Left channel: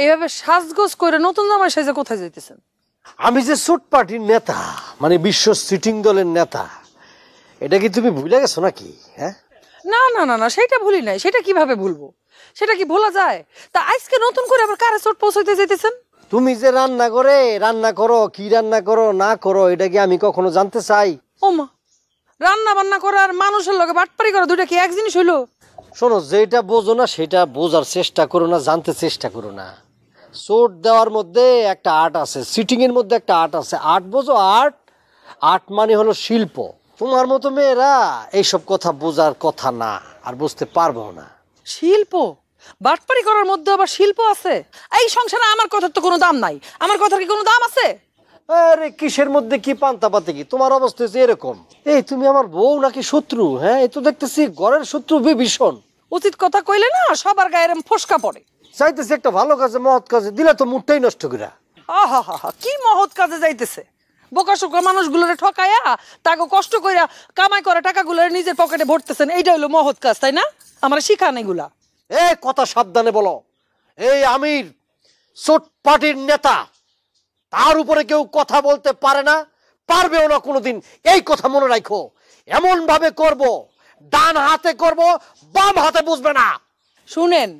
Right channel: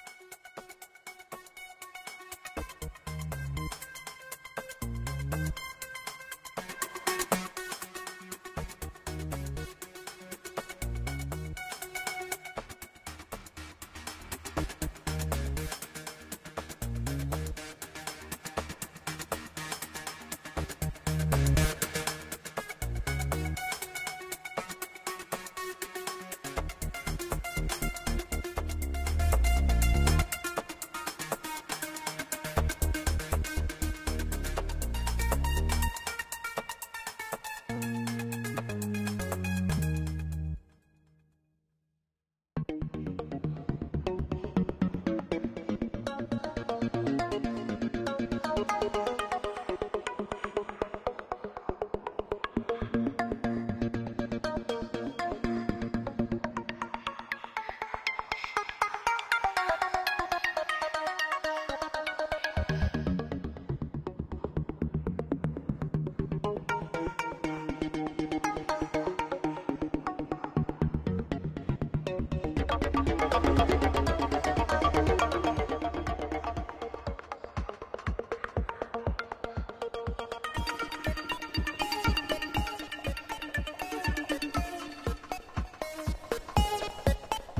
এইভাবে সাজগোজ করে নতুন জামাই সাজে কোথায় যাইতেছেন? আমি যে সুট পার্টির নেতা, মানে বিশ্ব সিটিং দলের নেতা, এটা কি তুমি ভুলে গেছো নাকি? হ্যাঁ, না না না না, সেটা ভুলি নাই। সেটা কিভাবে ভুলবো? সেটা কি ভোলা যায়? তা আজকে নতুন করে আবার কারে চোট পৌঁছাইতে যাইতেছেন? তুমি যে রান্না করো, কি রান্না করো না করো, এটা কি আমি কখনো জানতে চাই? ও মা, রান্না বান্না করা আর মানুষের লগে বাটপারি করা দুইটা কি এক জিনিস হইলো? শোনো, যেটা বোঝো না সেটা বোঝার চেষ্টা করো না, জানতে চেষ্টা করো না। চোট দেওয়ার মধ্যে একটা আর্ট আছে, সিটিং এর মধ্যে একটা আর্ট আছে। আর্ট বোঝো? আর্ট আর্ট মানে হলো শিল্প। তোমার মতো মেয়েরা এইসব কথা বোঝার কথা না, আর বুঝতে পারবো না। শিল্প? বাটপারি করার মধ্যে আবার শিল্প আছে? এই সংসারে আমার কথার তো কোনো দাম নাই। আমার কথার কি কোনো দাম আছে? আরে কিসের মধ্যে কি পান্তা পাতে কি? তোমার অবস্থা হচ্ছে এরকম। এই তুমি আমার বউ নাকি শত্রু? হ্যাঁ, এই তো দেখতেছি ঘরের শত্রু বিভীষণ। উচিত কথা কইলে না সবার গায়ে এরম ফসকা পড়ে। চাইতেছে একটা ভালো কাজে, মহৎ কাজে দিলে তো মুডটাই নষ্ট করে। আহা হা হা, কি মহৎ কাজে যাইতেছে? বোকাশোকা মানুষগুলোরে ঠকাইয়া তাকে কষ্ট কইরা কামাই করা টাকাগুলোরে নিজের পকেটে ভরতেছেন, এইটা হলো মহৎ কাজ, তাই না? আমার শিখান এগুলা। এই কথা সাবধানে বলো। এই আমি চোট পার্টির নেতা, তার উপরে কেউ কথা বলতে পারে না, পারবেও না কোনোদিন। এই কথা মনে রাখো। এমন ভাবে করব, ডান হাতে করব, বাম হাতে বুঝবে না। শুনেন,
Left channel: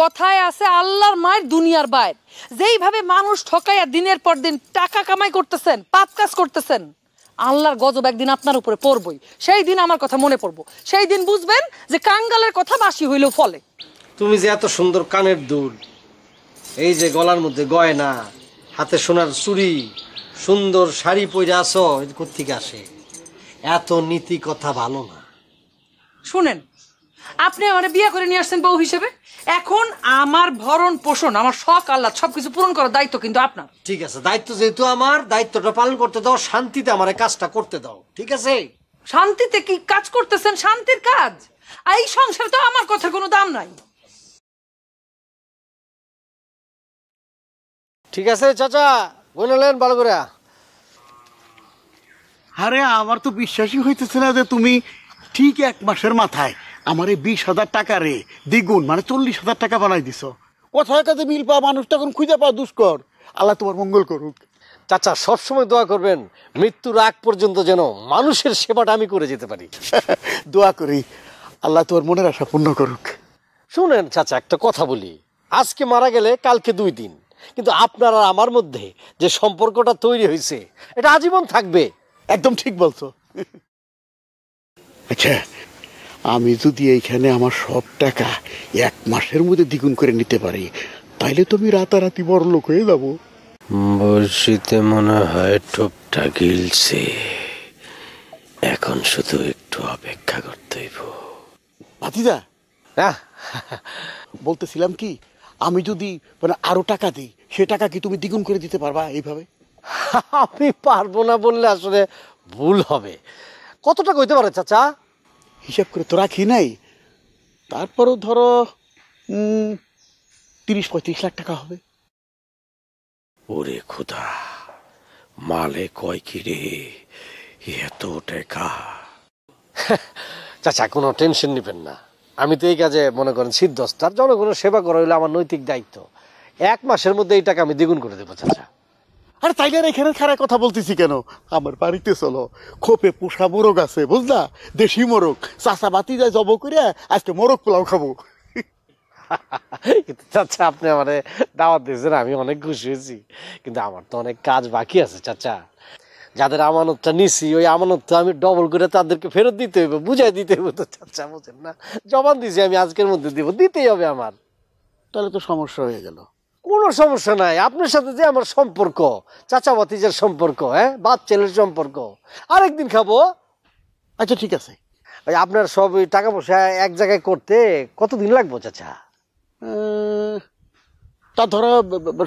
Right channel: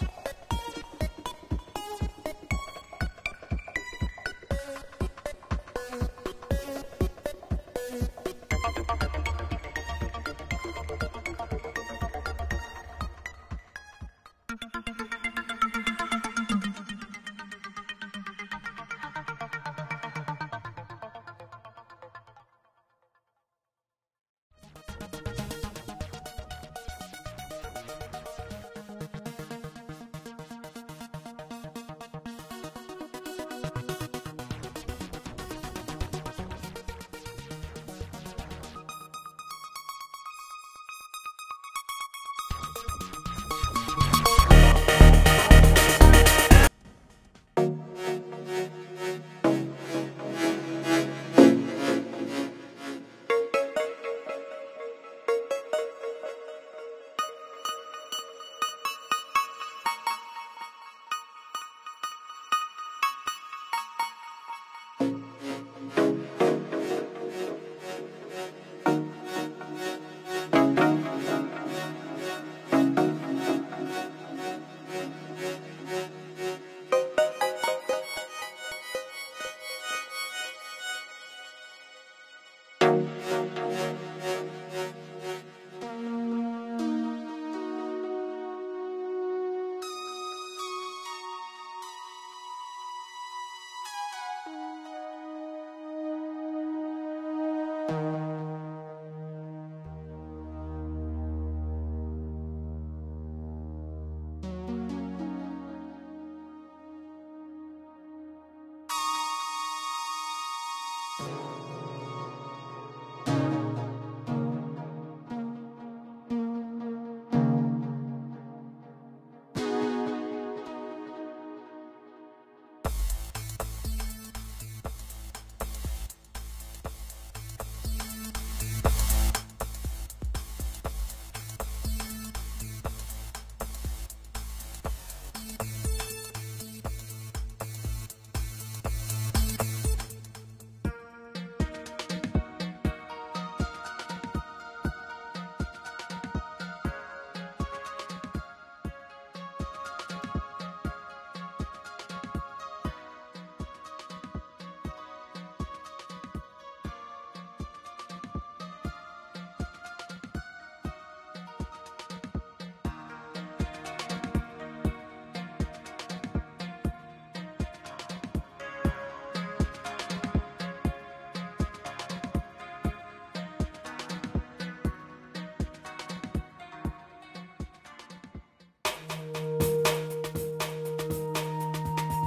কথায় আছে আল্লাহর মায়ের দুনিয়ার বাইর। যেইভাবে মানুষ ঠকাইয়া দিনের পর দিন টাকা কামাই করতেছেন, পাপ কাজ করতেছেন, আল্লাহর গজব একদিন আপনার উপরে পড়বই। সেই দিন আমার কথা মনে পড়বো। সেই দিন বুঝবেন যে কাঙ্গালের কথা বাসি হইলেও ফলে। তুমি যে এত সুন্দর কানের দুল, এই যে গলার মধ্যে গয়না, হাতে সোনার চুড়ি, সুন্দর শাড়ি পরে আছো, এটা কোত্থেকে আসে? এত নীতি কথা ভালো না। শুনেন, আপনি আমার বিয়ে করে নিয়ে আসছেন বউ হিসেবে। এখন আমার ভরণ পোষণ, আমার শখ আহ্লাদ সবকিছু পূরণ করার দায়িত্ব কিন্তু আপনার। ঠিক আছে, দায়িত্ব যেহেতু আমার, দায়িত্বটা পালন করতে দাও, শান্তিতে আমার এই কাজটা করতে দাও। ঠিক আছে? শান্তিতে কি কাজ করতেছেন? শান্তির কাজ? এই সংসারে তো আমার কথার কোনো দাম নাই। ঠিক আছে চাচা, বললেন ভালো করে। আরে আমার তো বিশ্বাসই হইতেছে না যে তুমি ঠিক 1 মাসের মাথায় আমার এই 20,000 টাকা রে দ্বিগুণ মানে 40,000 টাকা বানাই দিছ। কোথায় কাজে মিল পাওয়া মানুষ তখন খুঁজে পাওয়া দুষ্কর। আল্লাহ তোমার মঙ্গল করুক। চাচা সবসময় দোয়া করবেন মৃত্যুর আগ পর্যন্ত যেন মানুষের সেবাটা আমি করে যেতে পারি। দোয়া করি আল্লাহ তোমার মনের আশা পূর্ণ করুক। শুনেন চাচা, একটা কথা বলি। আজকে মারা গেলে কালকে 2 দিন, কিন্তু আপনার আর আমার মধ্যে যে সম্পর্কটা তৈরি হয়েছে এটা আজীবন থাকবে। একদম ঠিক বলছো। আচ্ছা, আমি যদি এইখানে আমার সব টাকা 1 মাসের মধ্যে দ্বিগুণ করে নিতে পারি, তাইলে তুমি রাতারাতি বড় লোক হয়ে যাবো। বর্ষিতে মনে হয় টোপটা গিলছে, এখন শুধু একটু অপেক্ষা করতে হইব। ভাতিজা, বলতেছিলাম কি, আমি যদি মানে আরো টাকা দিই, সে টাকা কি তুমি দ্বিগুণ করে দিতে পারবা এইভাবে? আমি পারবো না বললে আসলে ভুল হবে। কত টাকা হইতে পারে চাচা? হিসাব করে তো রাখি নাই, তারপরও ধরো 30-35 লাখ টাকা হবে। ওরে খোদা, মালে কয় কি রে এত টাকা? চাচা কোনো টেনশন নেবেন না, আমি তো এই কাজে মনে করেন সিদ্ধস্ত। আর জনগণের সেবা করা হইলে আমার নৈতিক দায়িত্ব। 1 মাসের মধ্যে এই টাকা আমি দ্বিগুণ করে দেবো চাচা। আরে তাইলে এখানে খারাপ কথা বলতেছি কেন? আমার বাড়িতে চলো, খোপে পোষা মোরগ আছে বুঝলা, দেশি মোরগ। চাচা বাতি যায় জব করে আজকে মোরগ পোলাও খাবো। চাচা আপনি আমারে দাওয়াত দিয়েছেন, আমি অনেক খুশি হয়েছি, কিন্তু আমার তো অনেক কাজ বাকি আছে চাচা। যাদের আমানতটা নিছি ওই আমানতটা আমি ডবল করে তাদেরকে ফেরত দিতে হইব, বুঝাই দিতে হইব তো চাচা, বুঝেন না? জবান দিছি আমি আজকের মধ্যে দিব, দিতেই হবে আমার। তাহলে তো সমস্যা হয়ে গেল। কোনো সমস্যা নাই, আপনার সাথে যে আমার সম্পর্ক, চাচা ভাতিজার সম্পর্ক, হ্যাঁ বাপ ছেলের সম্পর্ক, আরেকদিন খাবো। আচ্ছা ঠিক আছে। ওই আপনার সব ওই টাকা পয়সা এক জায়গায় করতে কতদিন লাগবে চাচা? তা ধরো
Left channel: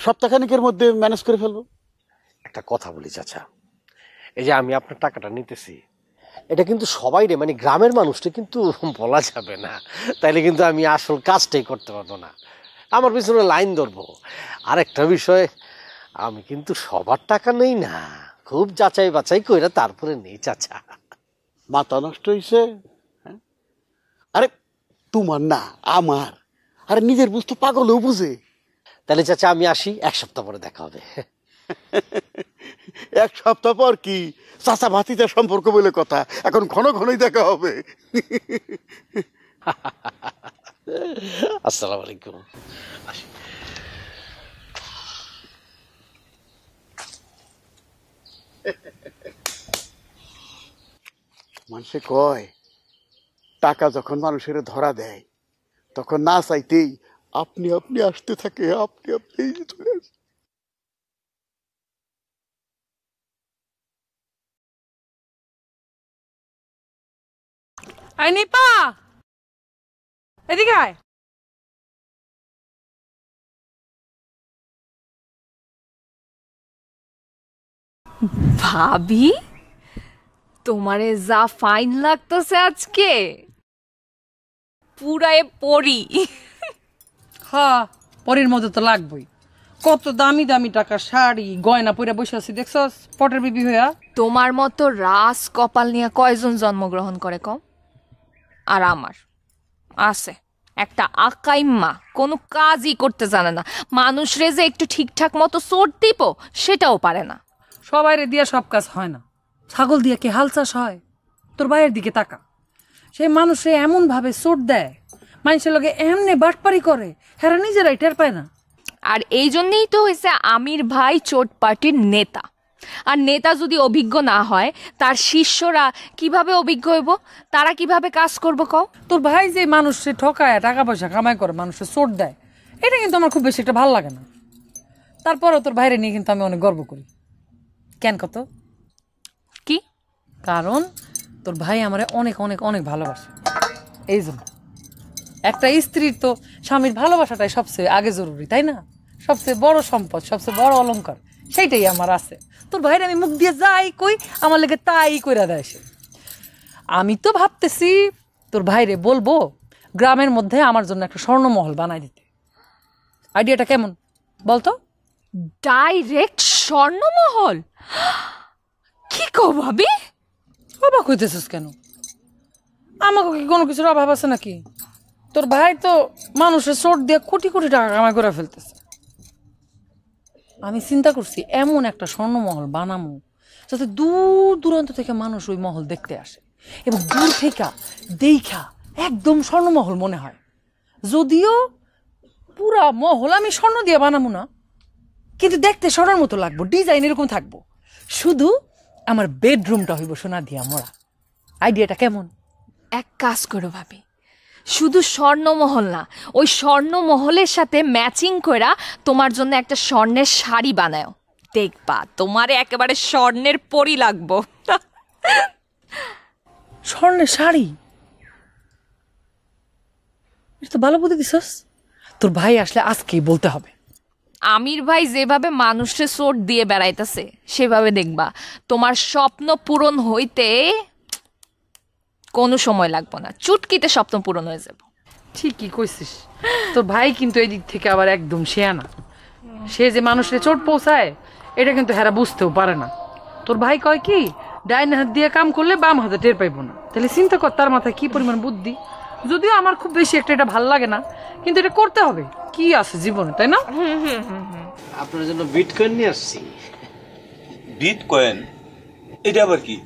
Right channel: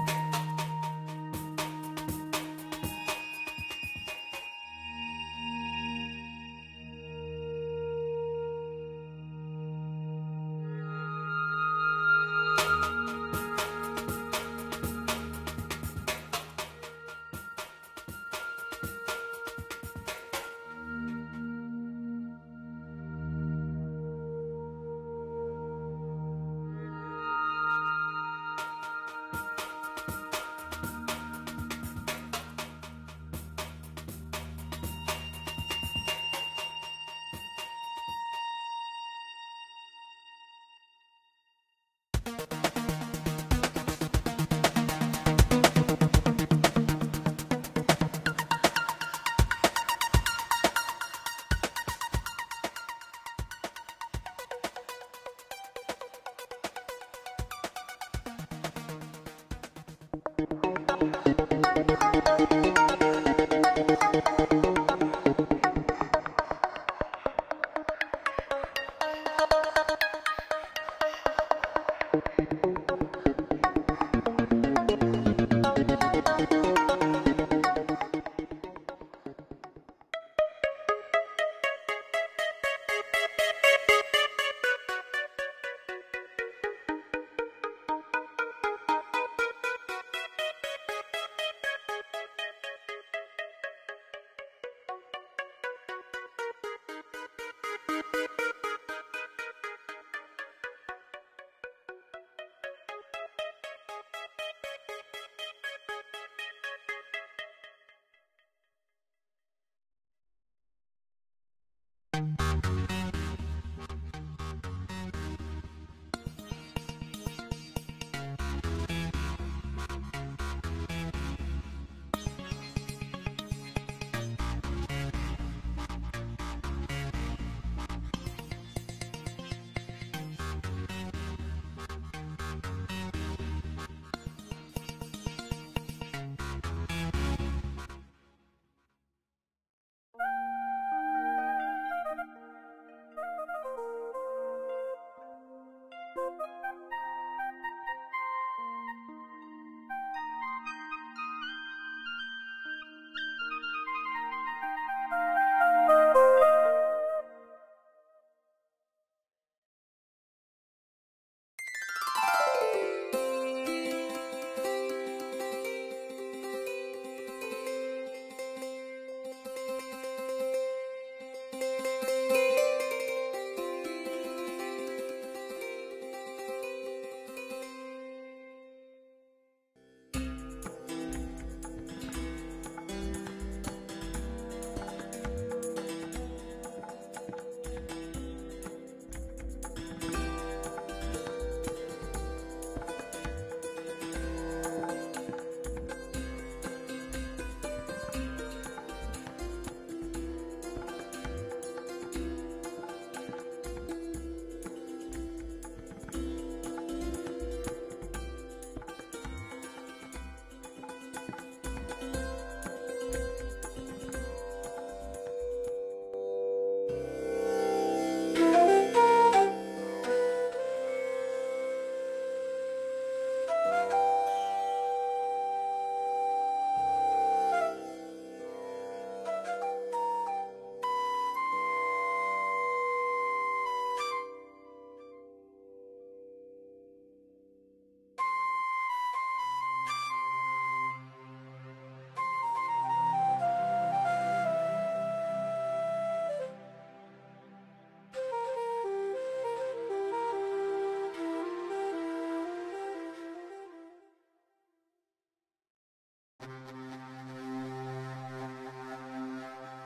সপ্তাহখানেকের মধ্যে ম্যানেজ করে ফেলবো। একটা কথা বলি চাচা, এই যে আমি আপনার টাকাটা নিতেছি, এটা কিন্তু সবাই রে মানে গ্রামের মানুষটা কিন্তু বলা যাবে না, তাইলে কিন্তু আমি আসল কাজটাই করতে পারবো না, আমার পিছনে লাইন ধরবো। আর একটা বিষয়, আমি কিন্তু সবার টাকা নেই না, খুব যাচাই বাছাই করে তারপরে নেই চাচা। মাথা নষ্ট হয়েছে। আরে তোমার না আমার, আরে নিজের বুঝতে পাগলেও বুঝে। তাহলে চাচা আমি আসি, 1 সপ্তাহ পরে দেখা হবে। 1 সপ্তাহ পর কি চাচা ভাতিজার সম্পর্ক বলে কথা, এখন ঘন ঘনই দেখা হবে। আসসালামু আলাইকুম। মানুষে কয় টাকা যখন মানুষের ধরা দেয় তখন না চাইতেই আপনি আপনি আসতে থাকে, আপনি আপনি চলে আসে। আই নিপা, এদিকে আয়। ভাবি, তোমারে যা ফাইন লাগতেছে আজকে, পুরাই পরি। হ্যাঁ, পরের মধ্যে তো লাগবে। কত দামি দামি টাকা শাড়ি গয়না পরে বসে আছি দেখছস, পটের বিবি হইয়া। তোমার মতো রাস কপাল নিয়ে কয়জন জন্মগ্রহণ করে কম? আর আমার আছে একটা আকাইম্মা, কোনো কাজই করতে জানে না, মানুষরে যে একটু ঠিকঠাক মতো চোট দিব সেটাও পারে না। সবাইরে দিয়া সব কাজ হয় না, ছাগল দিয়া কি হাল চাষ হয়? তোর ভাইয়ের দিকে তাকা, সে মানুষে এমন ভাবে চোট দেয়, মানুষের লগে এমনি বাটপারি করে, হেরা নিজেরাই টের পায় না। আর এই জন্যই তো হয়েছে আমির ভাই চোট পার্টির নেতা। আর নেতা যদি অভিজ্ঞ না হয়, তার শিষ্যরা কিভাবে অভিজ্ঞ হইব? তারা কিভাবে কাজ করবো কও? তোর ভাই যে মানুষে ঠকায় টাকা পয়সা কামাই করে মানুষের চোট দেয়, এটা কিন্তু আমার খুব বেশি একটা ভালো লাগে না। তারপরও তোর ভাইরে নিয়ে কিন্তু আমি অনেক গর্ব করি। কেন কত? কি কারণ তোর ভাই আমারে অনেক অনেক অনেক ভালোবাসে। এই জন্য একটা স্ত্রীর তো স্বামীর ভালোবাসাটাই সবচেয়ে আগে জরুরি, তাই না? সবচেয়ে বড় সম্পদ, সবচেয়ে বড় অলংকার, সেইটাই আমার আছে। তোর ভাইরে আমি মুখ দিয়ে যাই কই, আমার লেগে তাই কইরা দেয় সে। আমি তো ভাবতেছি তোর ভাইরে বলবো গ্রামের মধ্যে আমার জন্য একটা স্বর্ণমহল বানাই দিতে। আইডিয়াটা কেমন বলতো? ডাইরেক্ট স্বর্ণমহল? কি কও ভাবি? অবাক হইতেছিস কেন? আমাকে কি কোনো কিছুর অভাব আছে নাকি? তোর ভাই তো মানুষের চোট দিয়ে কোটি কোটি টাকা কামাই করে ফেলতেছে। আমি চিন্তা করছি এমন একটা স্বর্ণমহল বানাবো যাতে দূর দূরান্ত থেকে মানুষ ওই মহল দেখতে আসে এবং দূর থেকে দেখা একদম স্বর্ণমহল মনে হয়। যদিও পুরা মহল আমি স্বর্ণ দিয়ে বানাবো না, কিন্তু দেখতে স্বর্ণের মতো লাগবো, ডিজাইন এরকম থাকবো। শুধু আমার বেডরুমটা হইব সোনা দিয়া মোড়া। আইডিয়াটা কেমন? এক কাজ করো ভাবি, শুধু স্বর্ণমহল না, ওই স্বর্ণমহলের সাথে ম্যাচিং কইরা তোমার জন্য একটা স্বর্ণের শাড়ি বানাও। দেখবা তোমারে একেবারে স্বর্ণের পরি লাগবো। স্বর্ণের শাড়ি? এটা তো ভালো বুদ্ধি দিছস। তোর ভাই আসলে আজকেই বলতে হবে। আমির ভাই যেভাবে মানুষে চোট দিয়ে বেড়াইতেছে, সেভাবে দেখবা তোমার স্বপ্ন পূরণ হইতে কোনো সময় লাগবে না, চুটকিতে স্বপ্ন পূরণ হয়ে যাবে। ঠিকই কইছিস। তোর ভাই কিন্তু এই দিক থেকে আবার একদম শেয়ানা। সে যে মানুষের চোট পৌঁছায় এটা কিন্তু হেরা বুঝতেও পারে না। তোর ভাই কয় কি, ডাইন হাত দিয়ে কাম করলে বাম হাতে টের পাইবো না। তাহলে চিন্তা কর তার মাথায় কি পরিমাণ বুদ্ধি। যদিও আমার খুব বেশি একটা এটা ভালো লাগে না, কিন্তু এটা করতে হবে, কি আছে জীবনে, তাই না? আপনার জন্য বিটকয়েন নিয়ে আসছি। বিটকয়েন? এটা আবার কি?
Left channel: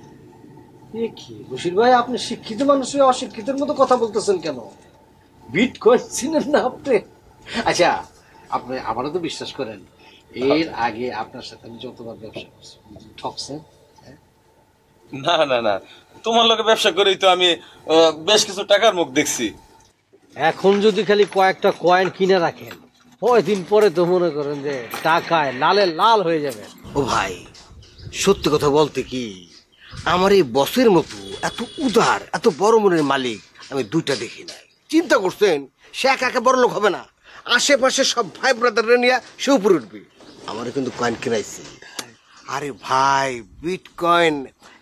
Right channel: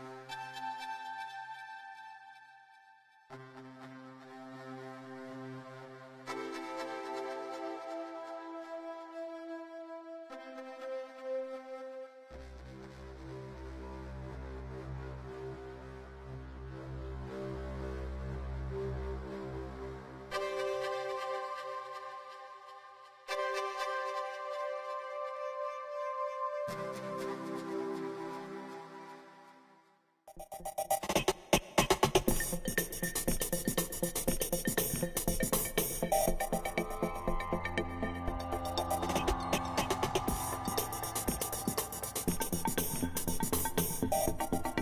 এ কি বশির ভাই, আপনি শিক্ষিত মানুষ হয়ে অশিক্ষিতের মতো কথা বলতেছেন কেন? বিটকয়েন চিনেন না আপনি? আচ্ছা, আপনি আমারও তো বিশ্বাস করেন, এর আগে আপনার সাথে আমি যতবার ব্যবসা করছি ঠকছেন। না না না, তোমার লোকে ব্যবসা করেই তো আমি বেশ কিছু টাকার মুখ দেখছি। এখন যদি খালি কয়েকটা কয়েন কিনে রাখেন, কয়দিন পরে তো মনে করেন যে টাকায় লালে লাল হয়ে যাবে। ও ভাই, সত্যি কথা বলতে কি, আমার এই বসের মতো এত উদার, এত বড় মনের মালিক আমি দুইটা দেখি। চিন্তা করছেন, সে একা একা বড় লোক হবে না, আশেপাশে সব ভাই ব্রাদাররা নিয়ে সে উপরে উঠবে। আমারও কিন্তু কয়েন কিনাইছে। আরে ভাই, বিটকয়েন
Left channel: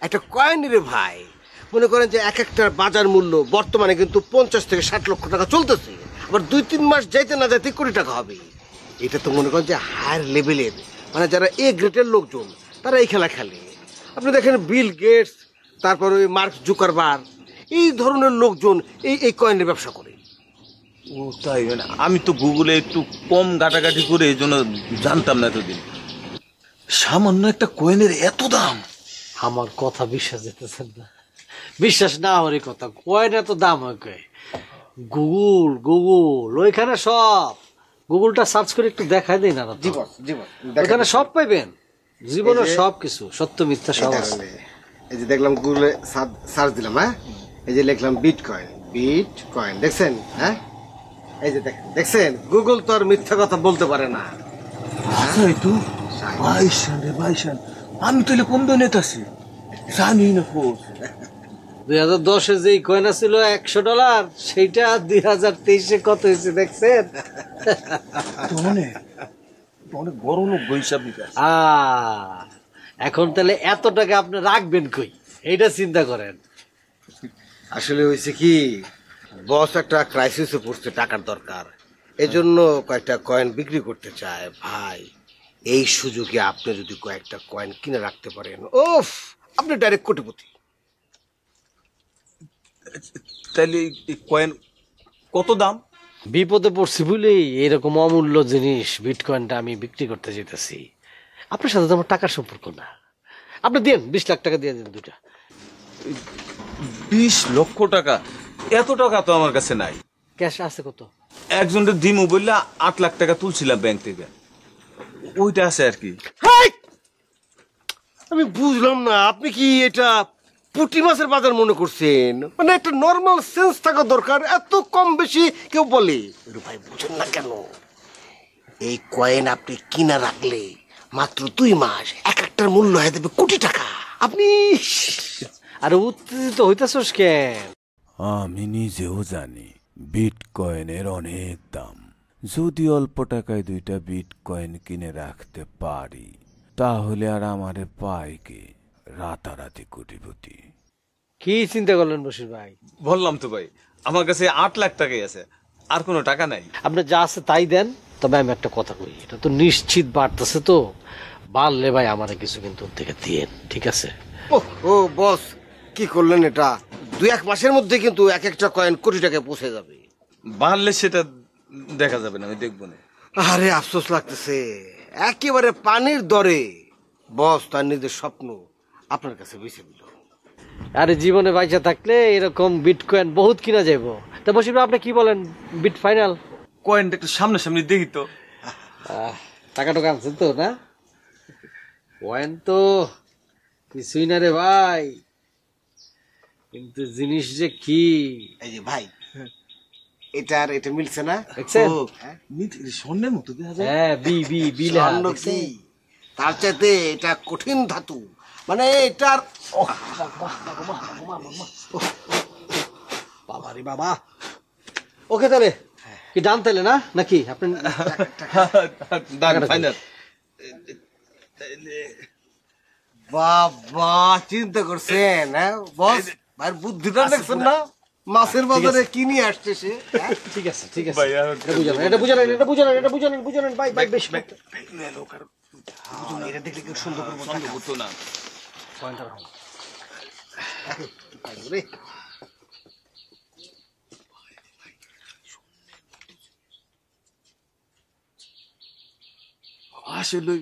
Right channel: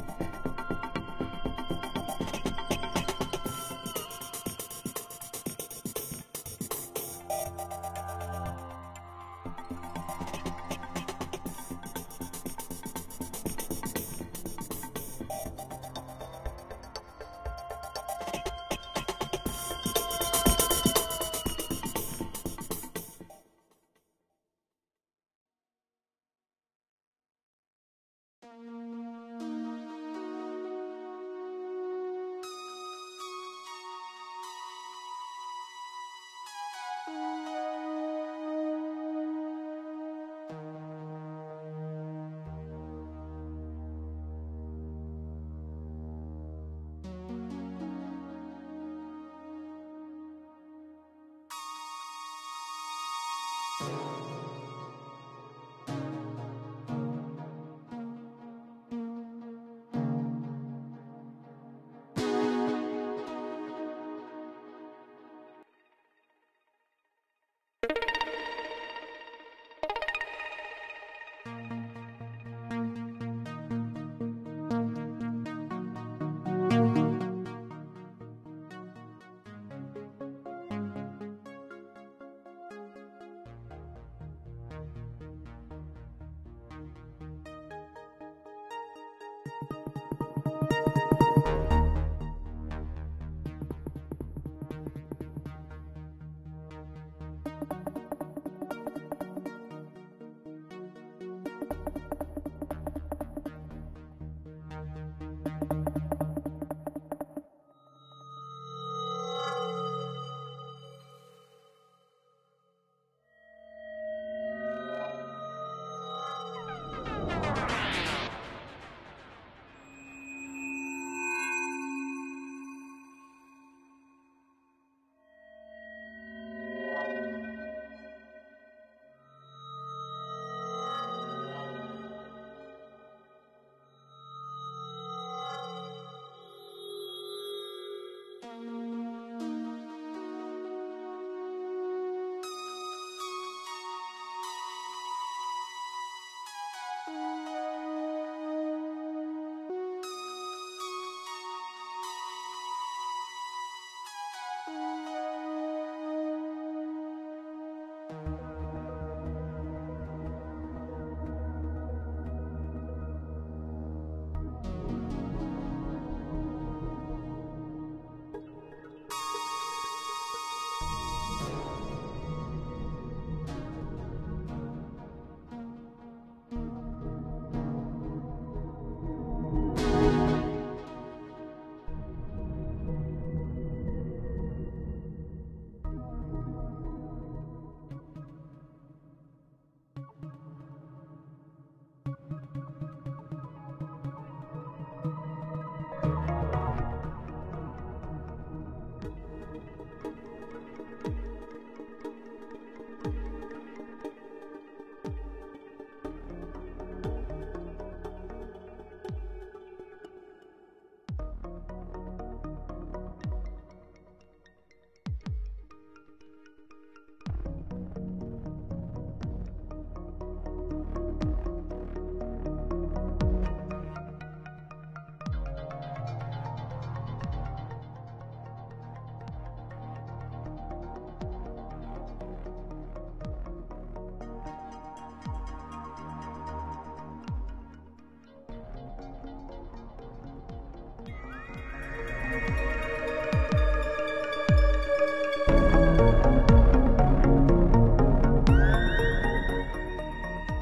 একটা কয়েন রে ভাই। মনে করেন যে এক একটার বাজার মূল্য বর্তমানে কিন্তু 50 থেকে 60 লক্ষ টাকা চলতেছে। আবার 2-3 মাস যাইতে না যাইতে কোটি টাকা হবে। এটা তো মনে করেন যে হায়ার লেভেলের, মানে যারা এ গ্রেডের লোকজন তারা এই খেলা খেলে। আপনি দেখেন বিল গেটস, তারপর ওই মার্ক জুকারবার্গ, এই ধরনের লোকজন এই এই কয়েনের ব্যবসা করে। তাই মানে আমি তো গুগলে একটু কম ঘাটাঘাটি করে এই জন্য জানতাম না এতদিন। সামান্য একটা কয়েনের এত দাম! আমার কথা বিশ্বাস যেতেছেন না? বিশ্বাস না হওয়ারই কথা, কয়েন এত দাম হয় কয়? গুগল ওইখানে সব, গুগলটা সার্চ করে একটু দেখাই দেই না? জীবন জীবন ওখানে সব পাইবেন, জীবনের সব কিছু, সত্য মিথ্যা সব আছে। এই যে দেখলাম গুগলে সার্চ দিলাম, হ্যাঁ, এই যে লিখলাম বিটকয়েন, বিটকয়েন, দেখছেন? হ্যাঁ, এই যে দেখছেন, গুগল তো আর মিথ্যা কথা বলতে পারে না। তাই তো, ভাইসান রে ভাইসান, আমি তাহলে কম দামে আছি জানি না। 2010-এ যেই কয়েন ছিল $100, সেইটা 2023-এ কত হয়েছে দেখছেন? অনেক বড় লোক বৈশাখ। এখন তাহলে এত টাকা আপনি রাখবেন কই, এইটা চিন্তা করেন। আসলে হয়েছে কি, বস একটা ক্রাইসিসে পড়ছে, টাকার দরকার, এজন্য কয়েকটা কয়েন বিক্রি করতে চায়। ভাই, এই সুযোগে আপনি যদি কয়েকটা কয়েন কিনে রাখতে পারেন, ওফ, আপনি ডাইরেক্ট কোটিপতি। তাহলে এই কয়েন কত দাম? বিপদে পড়ছি বলেই এরকম অমূল্য জিনিস বিটকয়েনটা আমি বিক্রি করতে যেতেছি। আপনার সাথে তো আমার টাকার সম্পর্ক না, আপনি দেন 20 লাখ টাকা দিয়ে দেন দুটা। 20 লক্ষ টাকা? এত টাকা তো আমার কাছে নাই। ক্যাশ আছে কত? একজনের দিমু বললে 8 লাখ টাকা তুলছিলাম ব্যাংক থেকে, ওইটা আছে আর কি। আমি বুঝলাম না, আপনি কি এটা পুঁটি মাছের বাজার মনে করছেন? মানে একটা নর্মাল সেন্স থাকা দরকার, এত কম বেশি কেউ বলে? ভাই, বুঝেন না কেন? এই কয়েন আপনি কিনা রাখলে মাত্র 2 মাস এক একটার মূল্য হয়ে যাবে কোটি টাকা। আপনি আরে উত্তেজিত হইতেছস কেন? আমি নিজেও জানি বিটকয়েনের অনেক দাম। যদি অল্প টাকায় 2টা বিটকয়েন কিনে রাখতে পারি, তাহলে আর আমারে পায় কে? রাতারাতি কোটিপতি। কি চিন্তা করলেন বশির ভাই? বললাম তো ভাই, আমার কাছে 8 লাখ টাকাই আছে, আর কোনো টাকা নাই। আপনি যা আছে তাই দেন। তবে আমি একটা কথা বলি, এটা তো নিশ্চিত বাড়তেছে, তো বাড়লে ভাই আমারে কিছু কিন্তু ওর থেকে দিয়েন, ঠিক আছে? ও বস, কি করলেন এটা? 2-1 মাসের মধ্যে কিন্তু এক একটা কয়েন কোটি টাকায় পৌঁছে যাবে। বাড়লে সেটা দেখা যাবে না, আমি দেখবো না। আরে আফসোস লাগতেছে, একেবারে পানির দরে বস তার নিজের স্বপ্ন আপনার কাছে বুঝছে। আরে জীবনে বাইচা থাকলে এরকম বিটকয়েন বহুত কিনা যাইব। তা বশির ভাই, আপনি কি বলেন, বিট ফাইনাল? কয়েনটা একটু সামনাসামনি দেখি তো। টাকা টাকা আনছেন তো না? কয়েন তো কিছুই না রে ভাই, কিন্তু জিনিস যে কি। এই যে ভাই, এটা আর এটা মিলছে না? দেখছেন? স্বর্ণের মতো দেখা যায়। হ্যাঁ, বি বি বি লেখা, স্বর্ণ দেখছেন? কি? তার চাইতে এটা কঠিন ধাতু, মানে এটার বাবা রে বাবা। ওকে, তাহলে কি ডান তাহলে না নাকি? আপনি ফাইনাল। বাবা, চিন্তা করছেন? হ্যাঁ বস, ভাইয়ের বুদ্ধিটা দেখছেন না? মাছের বাজারে কি নিয়ে আসছে সে? হ্যাঁ? ঠিক আছে, ঠিক আছে, ভাই, এটা বুঝালেন, এটা বুঝালেন, এটা বুঝালেন, বুঝালেন ভাই, ভাই বেশ। এটা দেখলে কেউ সুন্দর হতো না। আসলে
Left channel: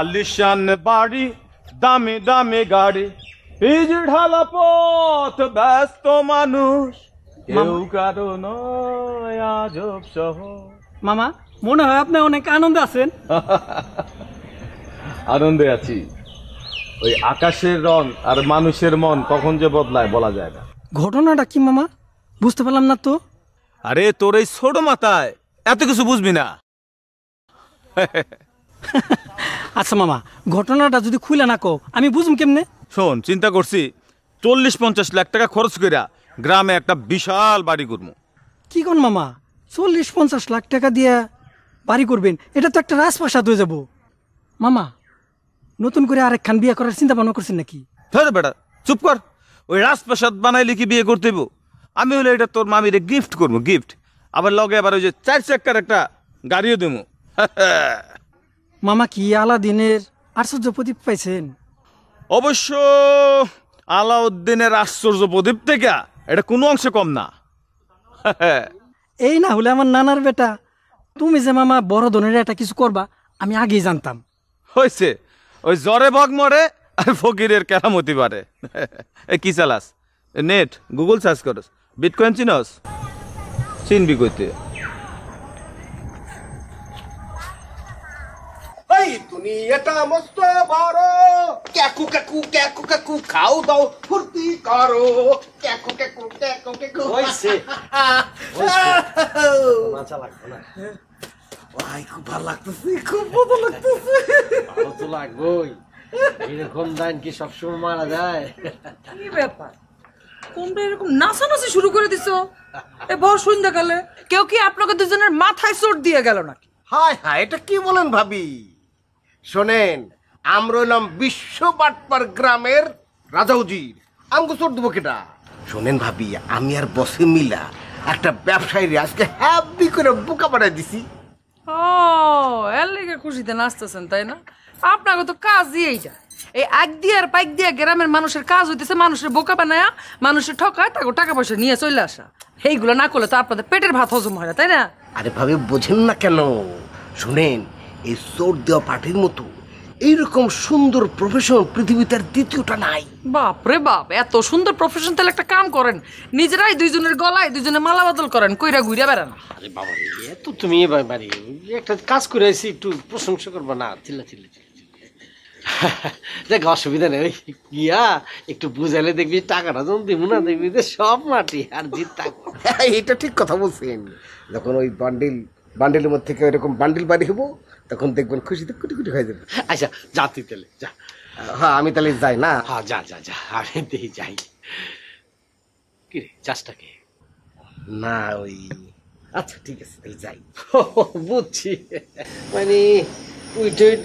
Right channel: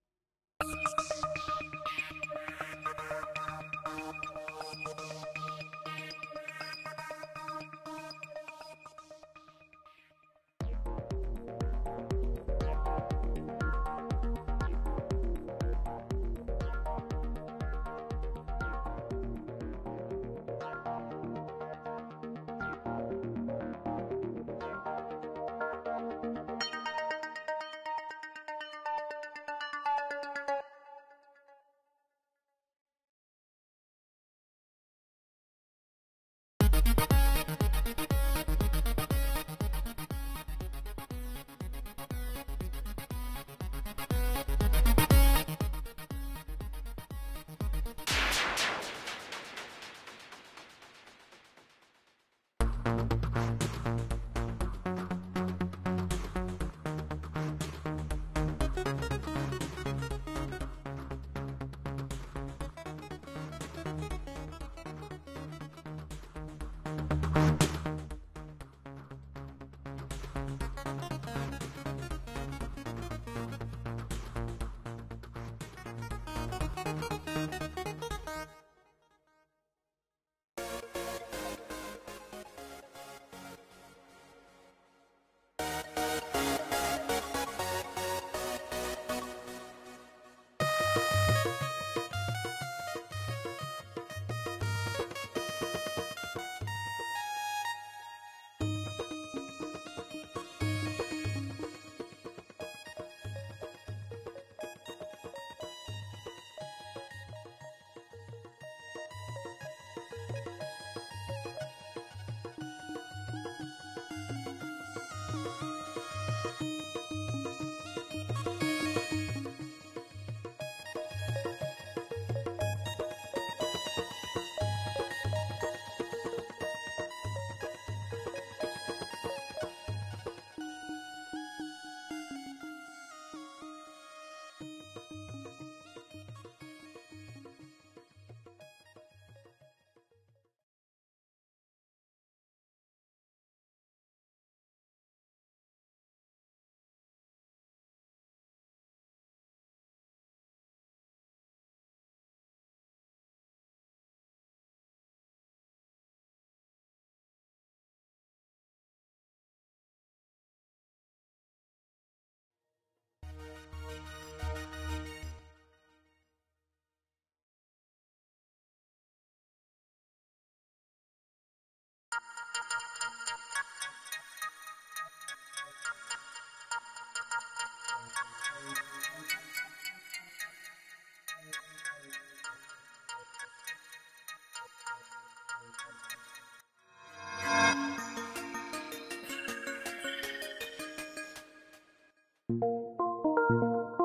আলিশান বাড়ি, দামি দামি গাড়ি, পিচ ঢালা পথ, ব্যস্ত মানুষ, কেউ কারো নয় আজব শহর। মামা, মনে হয় আপনি অনেক আনন্দে আছেন। আনন্দে আছি। ওই আকাশের রং আর মানুষের মন কখন যে বদলায় বলা যায় না। ঘটনাটা কি মামা? বুঝতে পারলাম না তো। আরে তোর এই ছোট মাথায় এত কিছু বুঝবি না। আচ্ছা মামা, ঘটনাটা যদি খুলে না কও, আমি বুঝুম কেমনে? শোন, চিন্তা করছি 40-50 লাখ টাকা খরচ কইরা গ্রামে একটা বিশাল বাড়ি করবো। কি কোন মামা, 40-50 লাখ টাকা দিয়ে বাড়ি করবেন? এটা তো একটা রাজপ্রাসাদ হয়ে যাব। মামা, নতুন করে আরেকখান বিয়ে করার চিন্তা ভাবনা করছেন নাকি? হ্যাঁ বেটা, চুপ কর। ওই রাজপ্রাসাদ বানাইলে কি বিয়ে করতে হইব? আমি হলে এটা তোর মামিরে গিফট করবো, গিফট। আবার লগে আবার ওই যে 4 চাকার একটা গাড়িও দেবো। মামা কি আলাদিনের আশ্চর্য প্রদীপ পাইছেন? অবশ্য আলাউদ্দিনের আশ্চর্য প্রদীপ থেকে এটা কোনো অংশে কম না। এই না হলে আমার নানার বেটা, তুমি যে মামা বড় ধরনের একটা কিছু করবা আমি আগেই জানতাম। হয়েছে, ওই জ্বরে বগ মরে আর ফকিরের কেরামতি বাড়ে। কি চালাস? নেট গুগল সার্চ করস, বিটকয়েন চিনস? চিনবি কইতে? এই দুনিয়াটা মস্ত বড়, ক্যাকু ক্যাকু ক্যাকু ক্যাকু খাও দাও ফুর্তি করো, ক্যাকু ক্যাকু ক্যাকু ক্যাকু। হইছে ভাই খুব ভালো লাগতেছে, খুব ভালো লাগতেছে। ভালো তো লাগবেই, এরকম দান কি সবসময় মারা যায়? কি ব্যাপার, তোমরা এরকম নাচানাচি শুরু করে দিছো এ ভর সন্ধ্যাকালে? কেউ কি আপনাকে দুজনের মাথায় চোট দিয়ে গেল না? হায় হায়, এটা কি বলেন ভাবি? শোনেন, আমরা হলাম বিশ্ব বাটপার গ্রামের রাজাউজি, আমাকে চোট দেবো কেটা? শোনেন ভাবি, আমি আর বসে মিলা একটা ব্যবসায়ী আজকে হ্যাপি করে বোকা বানাই দিছি। ও, এর লেগে খুশিতে নাচতেছেন তাই না? আপনাকে তো কাজই এইটা, এই আগ দিয়ে আর পাইক দিয়ে গ্রামের মানুষের কাজ হইতেছে মানুষের বোকা বানায়া, মানুষের ঠকায়, তাকে টাকা পয়সা নিয়ে চলে আসা। এইগুলো না করলে তো আপনাদের পেটের ভাত হজম হয় না, তাই না? আরে ভাবি বোঝেন না কেন? শোনেন, এই চোট দেওয়া পার্টির মতো এইরকম সুন্দর প্রফেশন পৃথিবীতে আর দ্বিতীয়টা নাই। বাপ রে বাপ, এত সুন্দর প্রফেশন, তাহলে একটা কাম করেন, নিজেরাই দুইজনের গলায় দুইজনে মালা বদল করেন, কইরা ঘুরে বেড়ান। আরে বাবা, এত তুমি এবার বাড়ি একটা কাজ করে আসি, একটু প্রশংসা করবো না? চিল্লা চিল্লা দেখ, অসুবিধা নেই, ওই গিয়া একটু বুঝাইলে দেখবি টাকাটা যখন দিব না, দেখবি যে সব মাটি আর জিত টাকা। এটা ঠিক কথা বলছেন। যখন ওই বান্ডিলের মধ্যে থেকে এরকম বান্ডিল বাড়ি হবো, তখন দেখবেন খুশিতে কুটি কুটি হয়ে যাবে। আচ্ছা যা তুই তাহলে যা। হ্যাঁ, আমি তাহলে যাই না? হ্যাঁ যা যা যা, আমি দেখি যাই। কি রে, চাষটাকে? না ওই, আচ্ছা ঠিক আছে, আমি যাই। বুঝছি, মানে তুই টুইট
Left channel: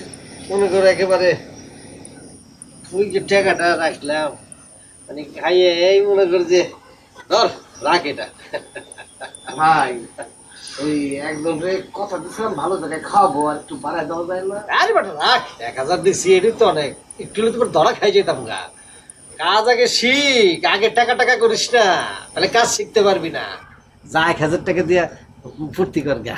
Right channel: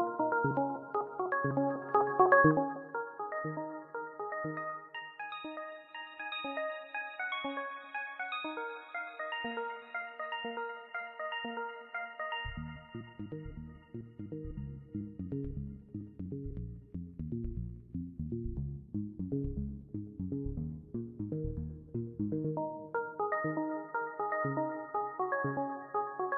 মনে করো একেবারে তুই যে টাকাটা রাখলাম, মানে খাইয়ে এই মনে কর যে ধর রাখ এটা। ভাই ওই একদম কথা দিচ্ছিলাম, ভালো জায়গায় খাওয়াবো, আর একটু বাড়ায় দেওয়া যায় না? আরে বাটা রাখ, 1000 দিচ্ছি, এটাই তো অনেক। একটু হলে তোর ধরা খাই যেতাম গা। কাজ আগে শিখ, আগে টাকা টাকা করিস না, তাহলে কাজ শিখতে পারবি না। যা 1000 টাকা দিয়া ফুর্তি কর গা।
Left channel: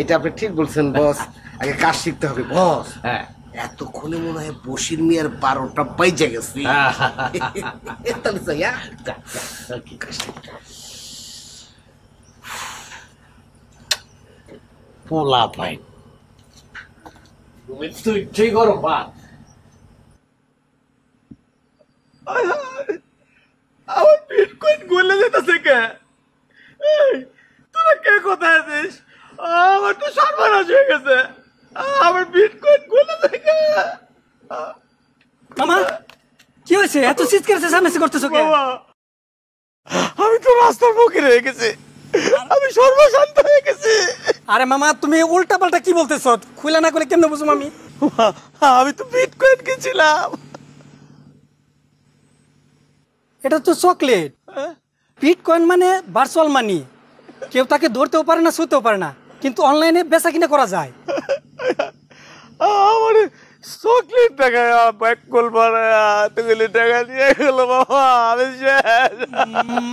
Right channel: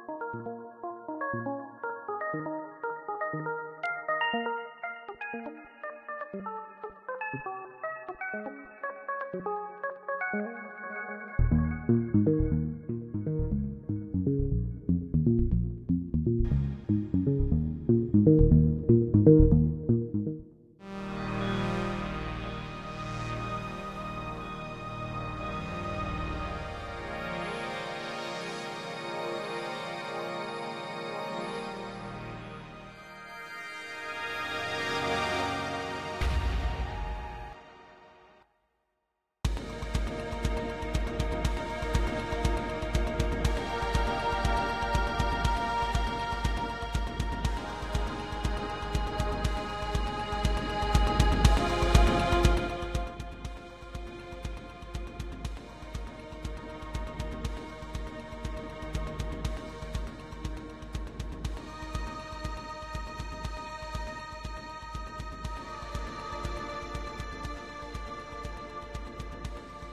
এটা আপনি ঠিক বলছেন বস, আগে কাজ শিখতে হবে বস। হ্যাঁ, এতক্ষণে মনে হয় বসির মিয়ার 12টা বাইজা গেছে। তাহলে যাই, হ্যাঁ? যা, যা, কি কষ্ট। পোলা পাই তুই ঠিক করো পা। আমার বিটকয়েন গলে যেতেছে কে? তোরা কে কোথায় আছিস? আমার তো সর্বনাশ হয়ে গেছে, আমার বিটকয়েন গলে থেকে। মামা কি হয়েছে? এত চিৎকার চেঁচামেচি করতেছো কেন? আমি তো রাস্তার মুখে রয়ে গেছি, আমি সর্বশান্ত হয়ে গেছি। আরে মামা তুমি উল্টা পাল্টা কি বলতেছ? খুলে না করে কেমনে বুঝুম আমি? আমি তো বিটকয়েন কিনছিলাম। এটা তো চকলেট। বিটকয়েন মানে ভার্চুয়াল মানি, কেউ তাকে ধরতেও পারে না, ছুঁতেও পারে না, কিন্তু অনলাইনে বেচা কিনা করা যায়। আমার চকলেট টাকা ব্যাক কল বাড়ায়া তুগুলি টাকা দিয়ে গেল বাবা, আমি শেষ।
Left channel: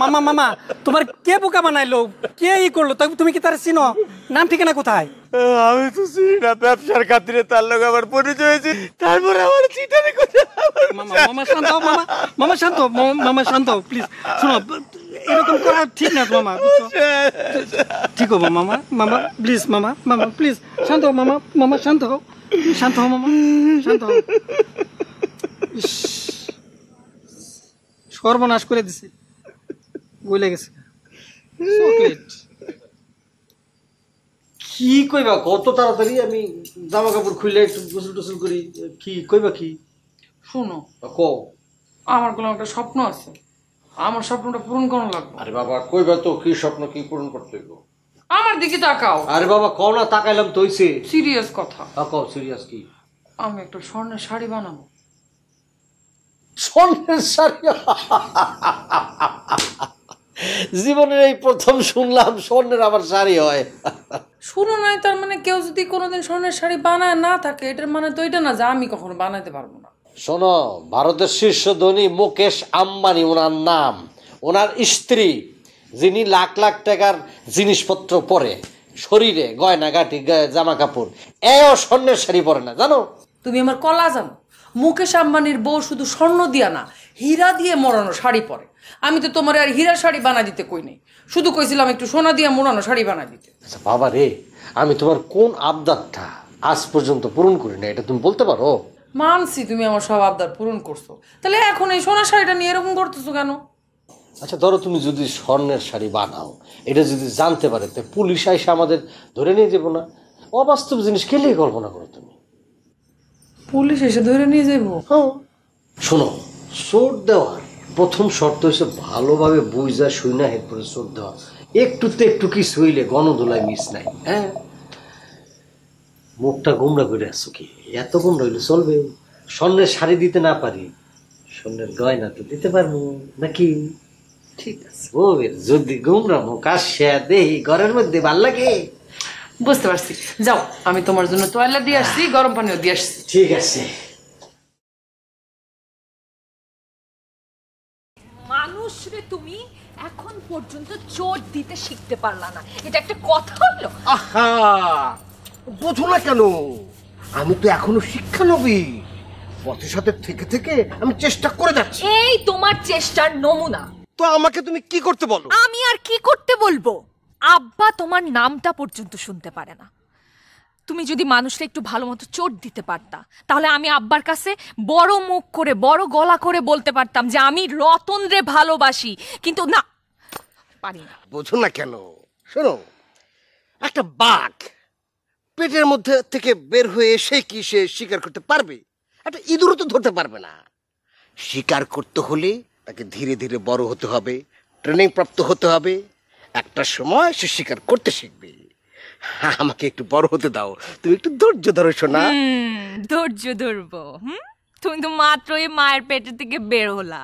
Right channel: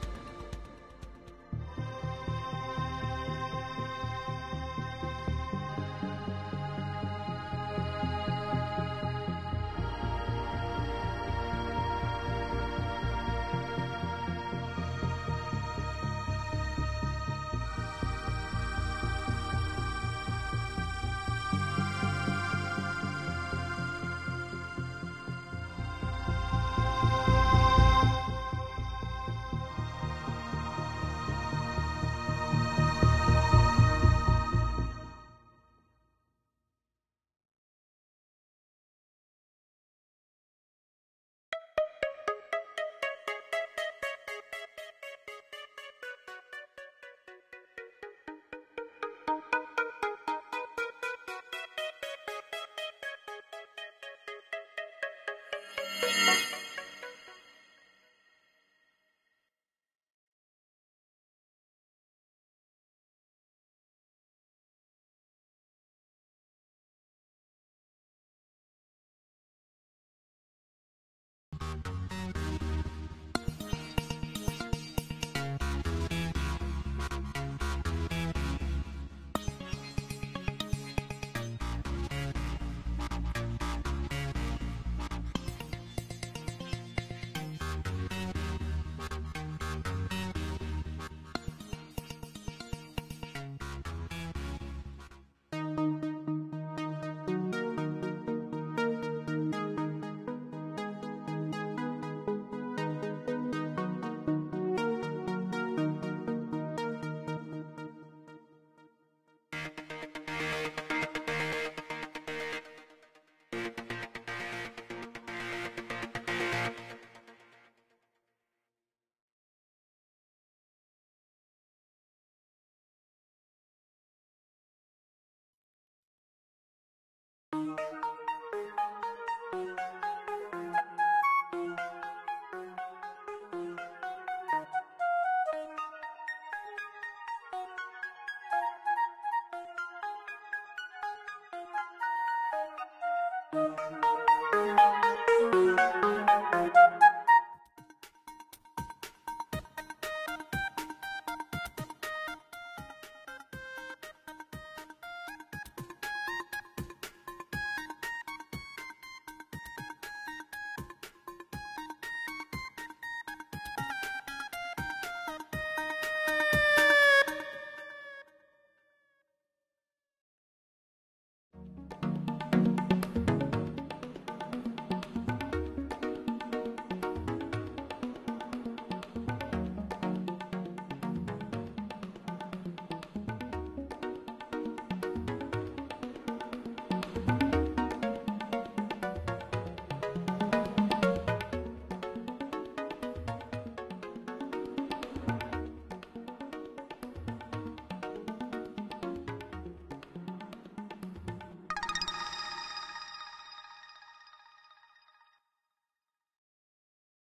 মামা মামা তোমার কে বোকা বানাইলো? কে ই করলো? তুমি কি তার চিনো? নাম ঠিকানা কোথায়? আমি তো চিনি না, ব্যবসার খাতিরে তার লোক আমার পরিচয় হয়েছে, তারপরে আমার চিটারি করে। মামা শান্ত হও, মামা মামা শান্ত হও, মামা শান্ত হও প্লিজ। শোনো, এরকম করা ঠিক না মামা, ঠিক হবো মামা, মামা প্লিজ, মামা মামা প্লিজ শান্ত হও, মামা মামা শান্ত হও, শান্ত হও মামা, শান্ত হও। ইস, সর্বনাশ করে দিছে, ভুলে গেছে। চকলেট কি কইবা কত তাড়াতাড়ি? আমি জামা কাপড় খুললে একটু গোসল টোসল করি। কি কইবা? কি শোনো, কও। আমার কোনো একটা স্বপ্ন আছে, আমার স্বপ্নটা পূরণ করা লাগবে। আরে বাবা কইবা তো, কি স্বপ্ন, কি পূরণ করতে হইব? আমার দিকে তাকাও। আরে বাবা কও না, তাকাইলাম তো হইছে। সিরিয়াস কথা, কও সিরিয়াস। কি? আমি একটা স্বর্ণের শাড়ি বানাবো। স্বর্ণের শাড়ি? জীবনের এই প্রথম শুনলাম স্বর্ণের আবার শাড়ি হয়। শুনো নাই, তার মানে কেউ যদি কোনোদিন স্বর্ণের শাড়ি বানায় না থাকে, এটার মানে তো এটা না যে আমি কখনো বানাইতে পারবো না। শোনো, ভারতের শীর্ষ ধনী মুকেশ আম্বানি ওনার নাম, ওনার স্ত্রী যিনি লাখ লাখ টাকার জিনিসপত্র পরে, শরীরে গয়নাগাটি জামা কাপড়, এও স্বর্ণের শাড়ি পরে না, জানো? তুমি আমার কলা জানো, মুকেশ আম্বানির বউ শুধু স্বর্ণ দিয়া না, হীরা দিয়ে মোড়ানো শাড়ি পরে। আমি তো তোমার আর হীরার শাড়ি বানা দিতে কই নাই, শুধু কইছিলাম একটু সোনা দিয়ে মোড়ানো শাড়ি বানা দিতে। বাবা রে, আমি তোমার কোন আবদারটা আজ পর্যন্ত পূরণ করি না, এটা তুমি বলতে পারো? মানছি তুমি আমার সব আবদার পূরণ করছো, তাহলে এখন এই সোনার শাড়িটা নিয়ে এরকম করতেছো কেন? আচ্ছা ধরো, তুমি যদি স্বর্ণের শাড়ি বানাও, এটা যদি জানতে পারে, তো পুলিশ এসে আমাদের ধরে নিয়ে যাবো না? অবাস্তব জিনিস খেলেই কল্পনা করো তুমি। পুলিশ এসে ধরে নিয়ে যাবো? শোনো, চোট দেওয়ার প্রথম শর্ত হচ্ছে ভালোভাবে বুঝা শুইনা এরপরে চোট দেওয়া। একটুতে একটু কিছু হইলে গণধোলায় মিস নাই। হ্যাঁ, মুখটা গোমরা করে আসছো কি? এত গোমরা হইলে চলবে? স্বর্ণের শাড়ি দিতে না পারি, স্বর্ণের গয়না তো দিতে পারবো নাকি? ঠিক আছে, ও যদি গোমরা মুখ আসে দেই ঘরের মধ্যে ভাল লাগে। বুঝতে পারছি, যাও, আমি তোমার জন্য তোয়ালে দিয়ে আসছি, গরম পানিও দিয়ে আসছি। ঠিক আছে। মানুষ রে, তুমি এখন পর্যন্ত চোট দিতে শিখতে পারলা না, এটা একটা কথা হলো? আহা, বোঝো না কেন? আমি তো এখনো শিক্ষানবী, পথের সাথে থেকে থেকে আমি চেষ্টা করে যাচ্ছি। এই তোমার চেষ্টার নমুনা। তো আমাকে তুমি কি করতে বলো? আমি আর কি করতে বলবো? আব্বা তোমার নামটা পর্যন্ত শুনতে পারে না। তুমি যদি মানুষটা একটু ভালো মতো চোট দিতে পারতা, তাহলে আমি আব্বার কাছে বড় মুখ করে বড় গলা করে বলতে পারতাম যে আমি রতন রে ভালোবাসি, কিন্তু না, পারি না। বোঝো না কেন? শোনো, একটা বাঘ পেটের মধ্যে থেকে বের হয়ে এসে কি সে শিকার করতে পারবে? একটা ইঁদুরও তো ধরতে পারবে না। শিকার করতে হলে তাকে ধীরে ধীরে বড় হতে হবে, ট্রেনিং প্রাপ্ত হতে হবে, একটা সময় সে শিকার করতে শিখবে। আমাকে একটু বড় হতে দাও, তুমি একটু ধৈর্য ধরো শোনা। ধৈর্য ধরবো? তুমি তো মাত্রই মায়ের পেটের থেকে বের হলা,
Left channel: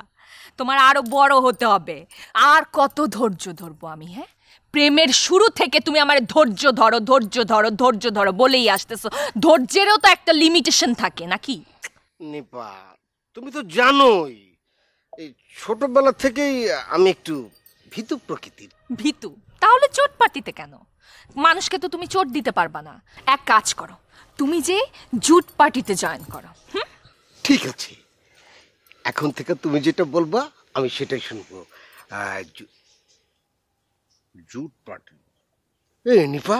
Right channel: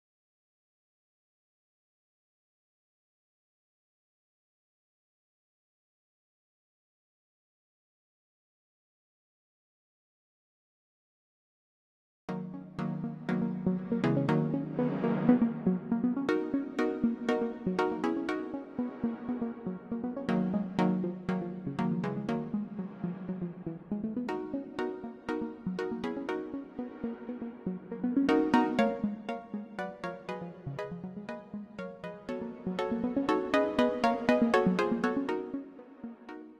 তোমার আরো বড় হতে হবে। আর কত ধৈর্য ধরবো আমি? হ্যাঁ, প্রেমের শুরু থেকে তুমি আমার ধৈর্য ধরো ধৈর্য ধরো ধৈর্য ধরো বলেই আসতেছো। ধৈর্যেরও তো একটা লিমিটেশন থাকে নাকি? নিপা, তুমি তো জানোই ছোটবেলা থেকেই আমি একটু ভীতু প্রকৃতির। ভীতু? তাহলে চোট পাটিতে কেন? মানুষকে তো তুমি চোট দিতে পারবা না। এক কাজ করো, তুমি যে জুট পার্টিতে জয়েন করো। ঠিক আছে, এখন থেকে তুমি যেটা বলবা আমি সেটাই শুনবো। নিপা,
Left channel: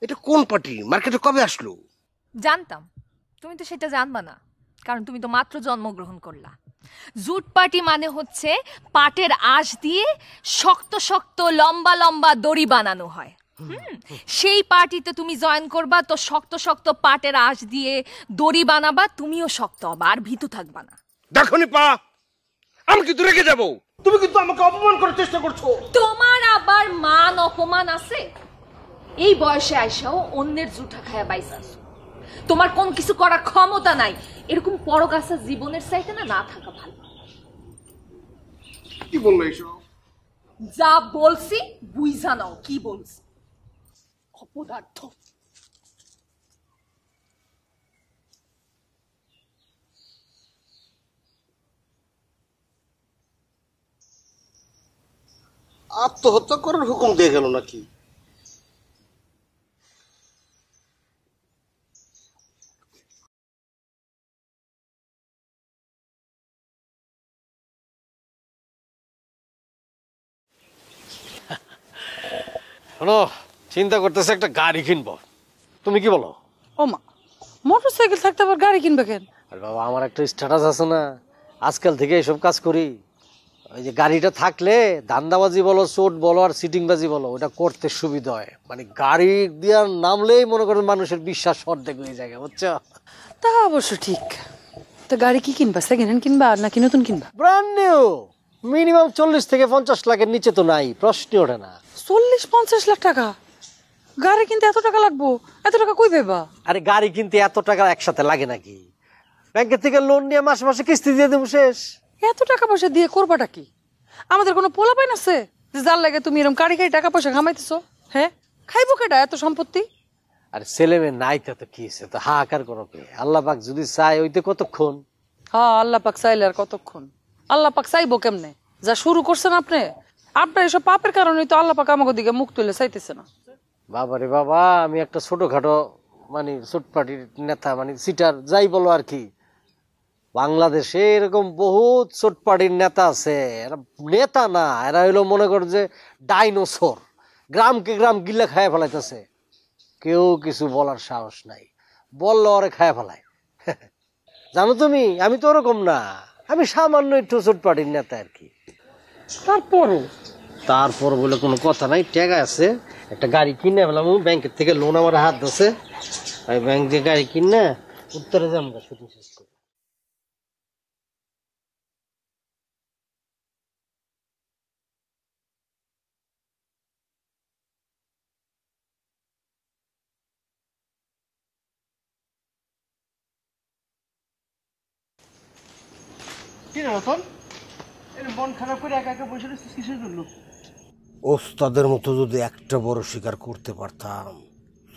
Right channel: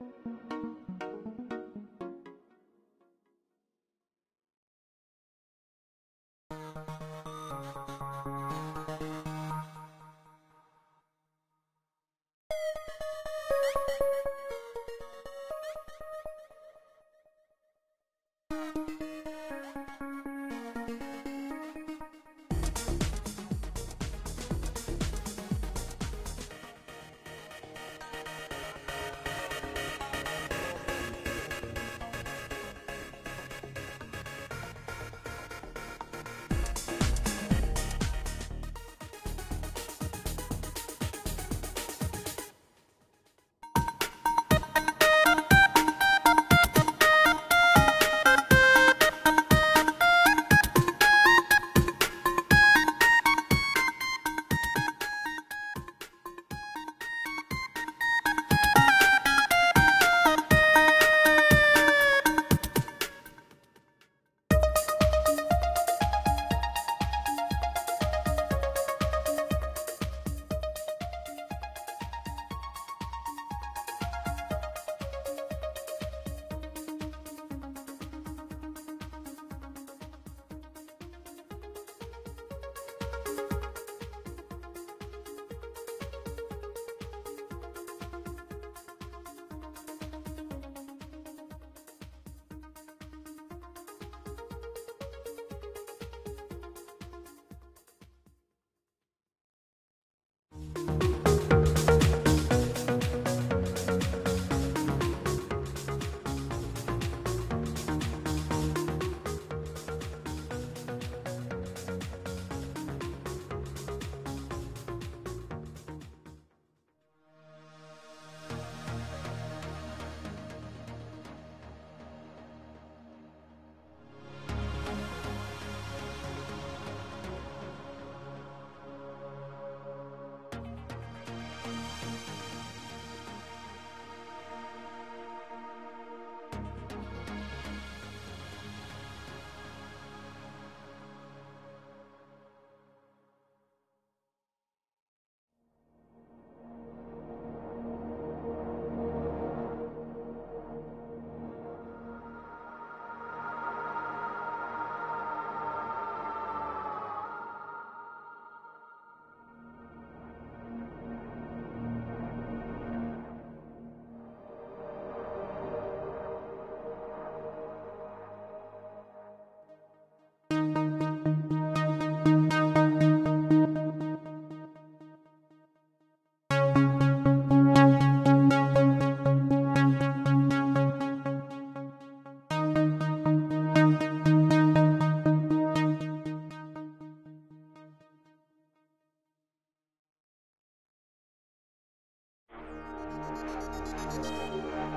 এটা কোন পার্টি? মার্কেটে কবে আসলো? জানতাম তুমি তো সেটা জানবা না, কারণ তুমি তো মাত্র জন্মগ্রহণ করলা। জুট পার্টি মানে হচ্ছে পাটের আঁশ দিয়ে শক্ত শক্ত লম্বা লম্বা দড়ি বানানো হয়। সেই পার্টিতে তুমি জয়েন করবা, তো শক্ত শক্ত পাটের আঁশ দিয়ে দড়ি বানাবা, তুমিও শক্ত হবা আর ভীতু থাকবা না। দেখো নিপা, আমি কিন্তু রেগে যাবো। তুমি কিন্তু আমাকে অপমান করার চেষ্টা করছো। তোমার আবার মান অপমান আছে? এই বয়সে আইসাও অন্যের জুঠা খায়া পাইছা, তোমার কোন কিছু করার ক্ষমতা নাই। এরকম পরগাছা জীবনের চাইতে না না থাকা ভালো। কি বললো এসব? যা বলছি বুঝা নাও কি বলছি। আত্মহত্যা করার হুকুম দিয়ে গেল নাকি? শোনো, চিন্তা করতেছে একটা গাড়ি কিনবো, তুমি কি বলো? ও মা, মোটরসাইকেল থাকতে আবার গাড়ি কিনবে কেন? আরে বাবা, আমার একটা স্ট্যাটাস আছে না, আজকাল থেকে এসব কাজ করি। ওই যে গাড়িটা থাকলে ধান্দাবাজি বলো, চোট বলো আর সিটিংবাজি বলো, ওটা করতে সুবিধা হয়। মানে গাড়ি দিয়ে নামলেই মনে করেন মানুষের বিশ্বাস অর্ধেক হয়ে যায়, বুঝছো? তা অবশ্য ঠিক। তো গাড়ি কি কিনবা? সেকেন্ড হ্যান্ড কিনবা নাকি নতুন কিনবা? ব্র্যান্ড নিউ, মিনিমাম 40 থেকে 50 লাখের নিচে তো নাই, প্রশ্নই ওঠে না। 40-50 লাখ টাকা গাড়ি কিনতে এত টাকা লাগবো? এত টাকা কই পাইবা? আরে গাড়ি কিনতে এত টাকা একসাথে লাগে নাকি? ব্যাংকের থেকে লোন নিয়ে মাসে মাসে কিস্তি দিয়ে দেবো, শেষ। এত টাকা পয়সা দিয়ে করবাটা কি? আমাদের কোনো পোলা পাইন আছে যে যার লাগে তুমি এরকম গাড়ি টাকা পয়সা কামাইতেছো? হ্যাঁ, খাইবো কেডা এত সম্পত্তি? আর ছেলে মেয়ে নাই তো কি হয়েছে, তো হাহাকার করো কে? আল্লাহ পাক যদি চায় ওইতে কতক্ষণ। হ্যাঁ, আল্লাহ পাক চাইলে আর কতক্ষণ? আল্লাহ পাক চাইবো কেমনে? যা শুরু করছেন আপনি, আপনার এসব পাপের কারণেই তো আল্লাহ পাক আমাকে দিকে মুখ তুলে চাইতেছে না। বাবারে বাবা, আমি একটা ছোটখাটো মানে ছোটপাটির নেতা, মানে সিটার যাই বলো আর কি। বাংলাদেশে এরকম বহুত ছোটপাটির নেতা আছে, এরা নেতা না, এরা হইলো মনে কর যে ডাইনোসর, গ্রামকে গ্রাম গিল্লা খায় ফেলাইতেছে, কেউ কিছু বলার সাহস নাই, বললো ওরে খায় ফেলায়। জানো তুমি, আমি তো ওরকম না, আমি সামান্য একটু ছোটপাটির নেতা আর কি। তারপর বলে কোনো কথা নাই, টাকা আছে, একটা গাড়ি কিনে ফেলাম, ব্যাংকের থেকে লোন আমার হাত আছে, আমি ব্যাংক দিয়ে গাড়ি কিনে উত্তরে যাবো শুধু। ওস্তাদের মতো যদি একটা বড় শিকার করতে পারতাম,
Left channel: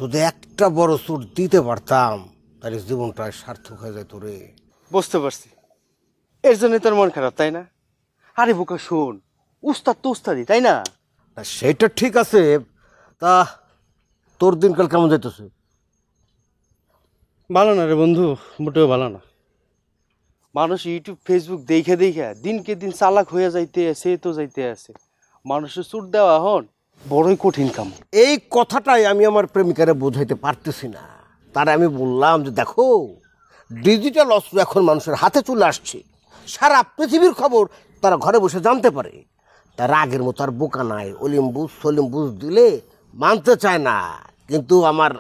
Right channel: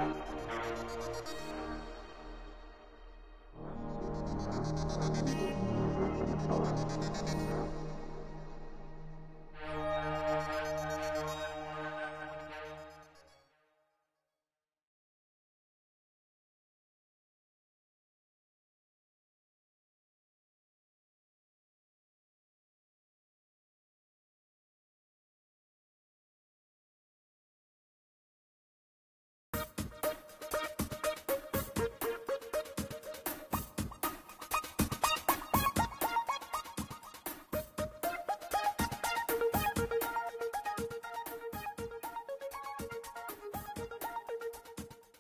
যদি একটা বড় চোট দিতে পারতাম, তাহলে জীবনটা সার্থক হয়ে যেত রে। বুঝতে পারছি, এর জন্য তোর মন খারাপ, তাই না? আরে বোকা শোন, উস্তাদ তো উস্তাদই, তাই না? সেটা ঠিক আছে, তা তোর দিনকাল কেমন যাইতেছে? ভালো না রে বন্ধু, মোটেও ভালো না। মানুষ ইউটিউব ফেসবুক দেখে দেখে দিনকে দিন চালাক হয়ে যাইতে আছে, তো যাইতে আছে। মানুষের চুট দেওয়া হন বড়ই কঠিন কাম। এই কথাটাই আমি আমার প্রেমিকারে বোঝাইতে পারতেছি না। তার আমি বললাম যে দেখো, ডিজিটাল অস্ত্র এখন মানুষের হাতে চলে আসছে, সারা পৃথিবীর খবর তারা ঘরে বসে জানতে পারে। তার আগের মতো আর বোকা নাই, অলিম্বুস সলিম্বুস দিলে মানতে চায় না। কিন্তু আমার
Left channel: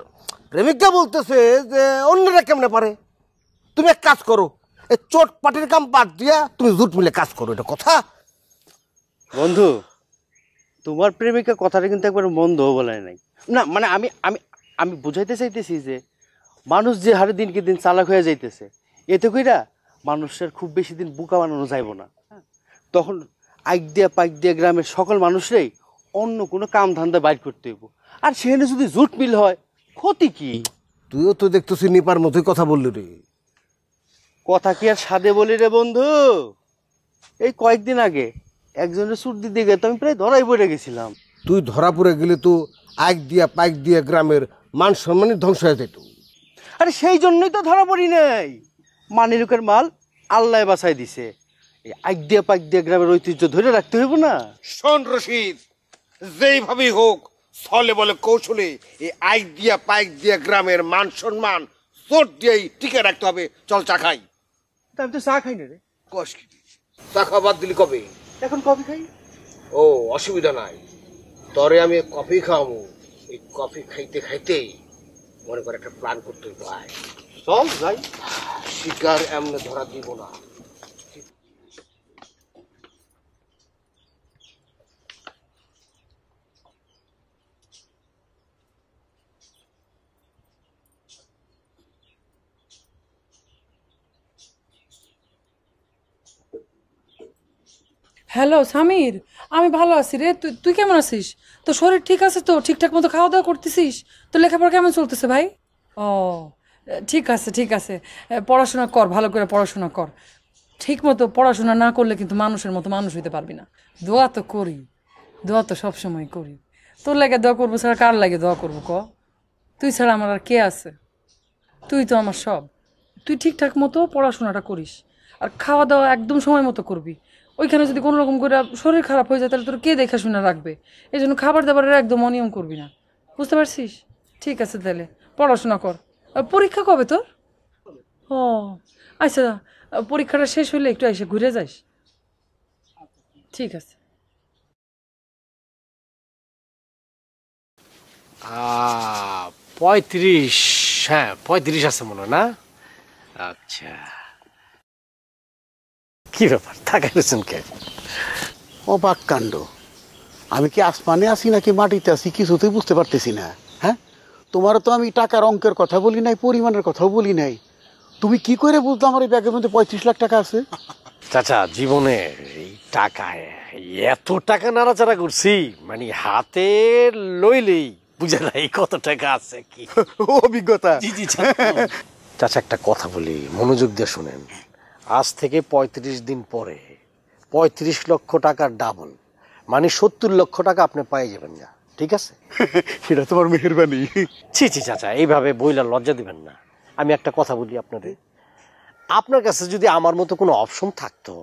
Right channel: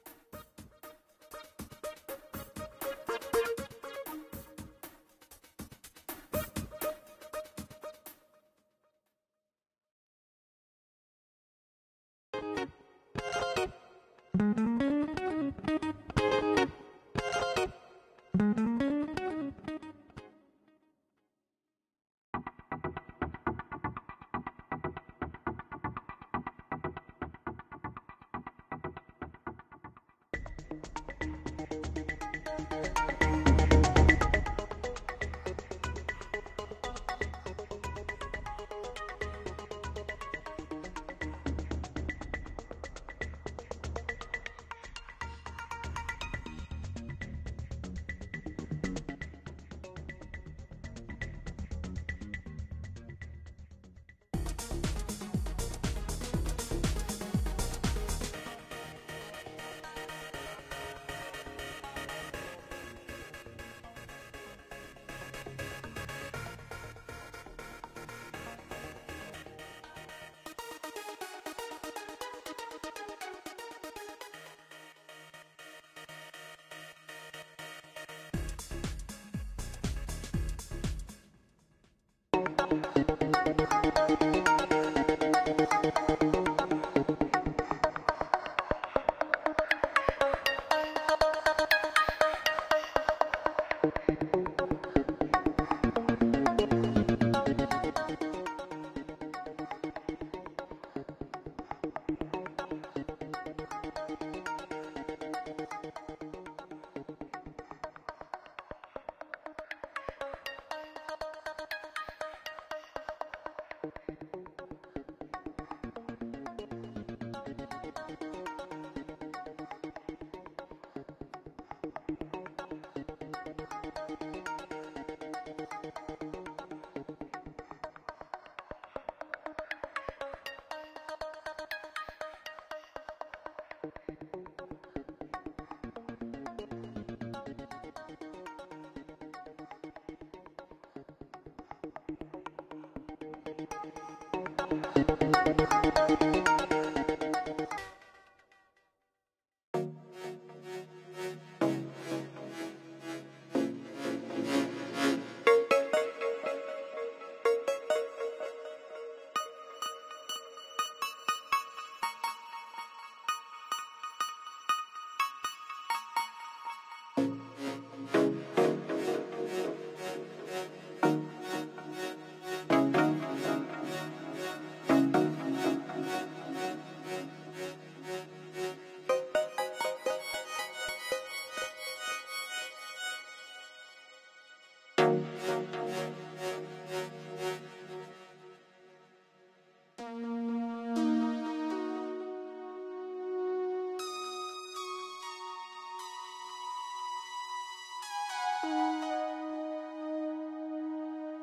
প্রেমিকা বলতেছে যে অন্যরা কেমনে পারে। তুমি এক কাজ করো, এই চোট পাটির কাম বাদ দিয়া তুমি জুট মিলে কাজ করো, এটা কথা? বন্ধু, তোমার প্রেমিকা কথাটা কিন্তু একবার মন্দ বলে নাই না, মানে আমি আমি আমি বুঝাইতে চাইতেছি যে মানুষ যে হারে দিনকে দিন চালাক হয়ে যাইতেছে, এতে কইরা মানুষের খুব বেশি দিন বোকা বানানো যাইব না। তখন আইক দিয়া পাইক দিয়া গ্রামের সকল মানুষরাই অন্য কোনো কাম ধান্দা বাইর করতে হইব। আর সেখানে যদি জুট মিল হয়, ক্ষতি কি? তুইও তো দেখতেছি নিপার মতোই কথা বললি। তুই কথা কি আর সাদে বলি রে বন্ধু? এই কয়েকদিন আগে একজনের সুট দিতে গিয়ে তো আমি প্রায় ধরাই পড়ে গেছিলাম। তুই ধরা পড়ে গেলে তো আইক দিয়া পাইক দিয়া গ্রামের মান সম্মানই ধ্বংস হয়ে যেত। আরে সেই জন্যই তো ধরা পড়ি নাই। মানিরুকের মাল আল্লাহ বাঁচাই দিছে। এই আইক দিয়া পাইক দিয়া গ্রামের ঐতিহ্য ধরে রাখতে হইব না? শোন রশিদ, যেইভাবেই হোক ছলে বলে কৌশলে এই আইক দিয়া পাইক দিয়া গ্রামের মান সম্মান তোর দিয়েই টিকে রাখতে হবে। চল চা খাই। আমি তো চা খাই না রে। কষ্ট চা খাওয়া বাদ দিলি কবে? এখন কফি খাই। ও অসুবিধা নাই, তরে আমি কফি খাওয়াবো। এই কফি খাইতে খাইতেই মনে করে একটা প্ল্যান করতে হয়। চল যাই। শিকার এমনি ধরা দিব না। হ্যালো সামির, আমি ভালো আছি রে। তুই কেমন আছিস? তোর শরীর ঠিক আছে তো? ঠিকঠাক মতো খাওয়া দাওয়া করতেছিস? তোর লেখাপড়া কেমন চলতেছে ভাই? ও ঠিক আছে ঠিক আছে, পড়াশোনা কর, ভালো করে পড়াশোনা কর। ঠিক মতো পড়াশোনা না করলে কিন্তু মানুষের মতো মানুষ হইতে পারবি না। দোয়া তো করি, দোয়া তো সবসময় করি। তোর লাগে দোয়া করবো ছাড়া কার লাগে দোয়া করবো ক? তুই ছাড়া আমার আর কে আছে? তুই তো আমার সব। তুই ঠিকঠাক মতো পড়াশোনাটা করিস, আর খাওয়া দাওয়া একদম সময় মতো করবি। ওইখানে যদি কোনো রকম করে শরীর খারাপ হয়ে যায় তাহলে তোর কে দেখাশোনা রাখবে? এই জন্য খাবার দাবারের একদম অনিয়ম করবি না, বুঝতে পারছিস? ঠিক আছে তাহলে পড়াশোনা কর। পরীক্ষা কবে তোর? ও আচ্ছা, পরীক্ষাটা শেষ হইলে একটু এসে ঘুরে যাস। ঠিক আছে। 35, হ্যাঁ 35 আছে মনে হয় না? আচ্ছা, কি ব্যাপার তাকাইছেন কে? অবাক কাণ্ড, আমি কি আসমানে আছি নাকি মাটিতে আছি কিছুতেই বুঝতে পারতেছি না। হ্যাঁ, তোমারও তো আমি টাকার অঙ্কের কথা বলি নাই, পরিমাণের কথাও বলি নাই। তুমি কি করে বুঝলে আমার এই ব্যাগের মধ্যে 35 লাখ টাকা আছে? চাচা, জীবনে এই টাকায় এত টাকা নাড়াচাড়া করছি, মানে হাতে লইলেই বুঝে নাই কত টাকা আছে কি। অভিজ্ঞতা। জি জি চাচা, একটা কথা বলি, মনোযোগ দিয়ে শুনেন। আজ থেকে 35 দিন পরে 35 লক্ষ টাকার ডাবল, মানে 70 লক্ষ টাকা আপনি পেয়ে যাবেন। যা, ঠিক আছে? সেটা তোমার মেহেরবানি। ছি ছি চাচা, এইভাবে বইলা লজ্জা দিবেন না। আমি একটা কথা বলি আপনাদের, আপনার কাছে যদি আমার মতো কোনো অপশন থাকতো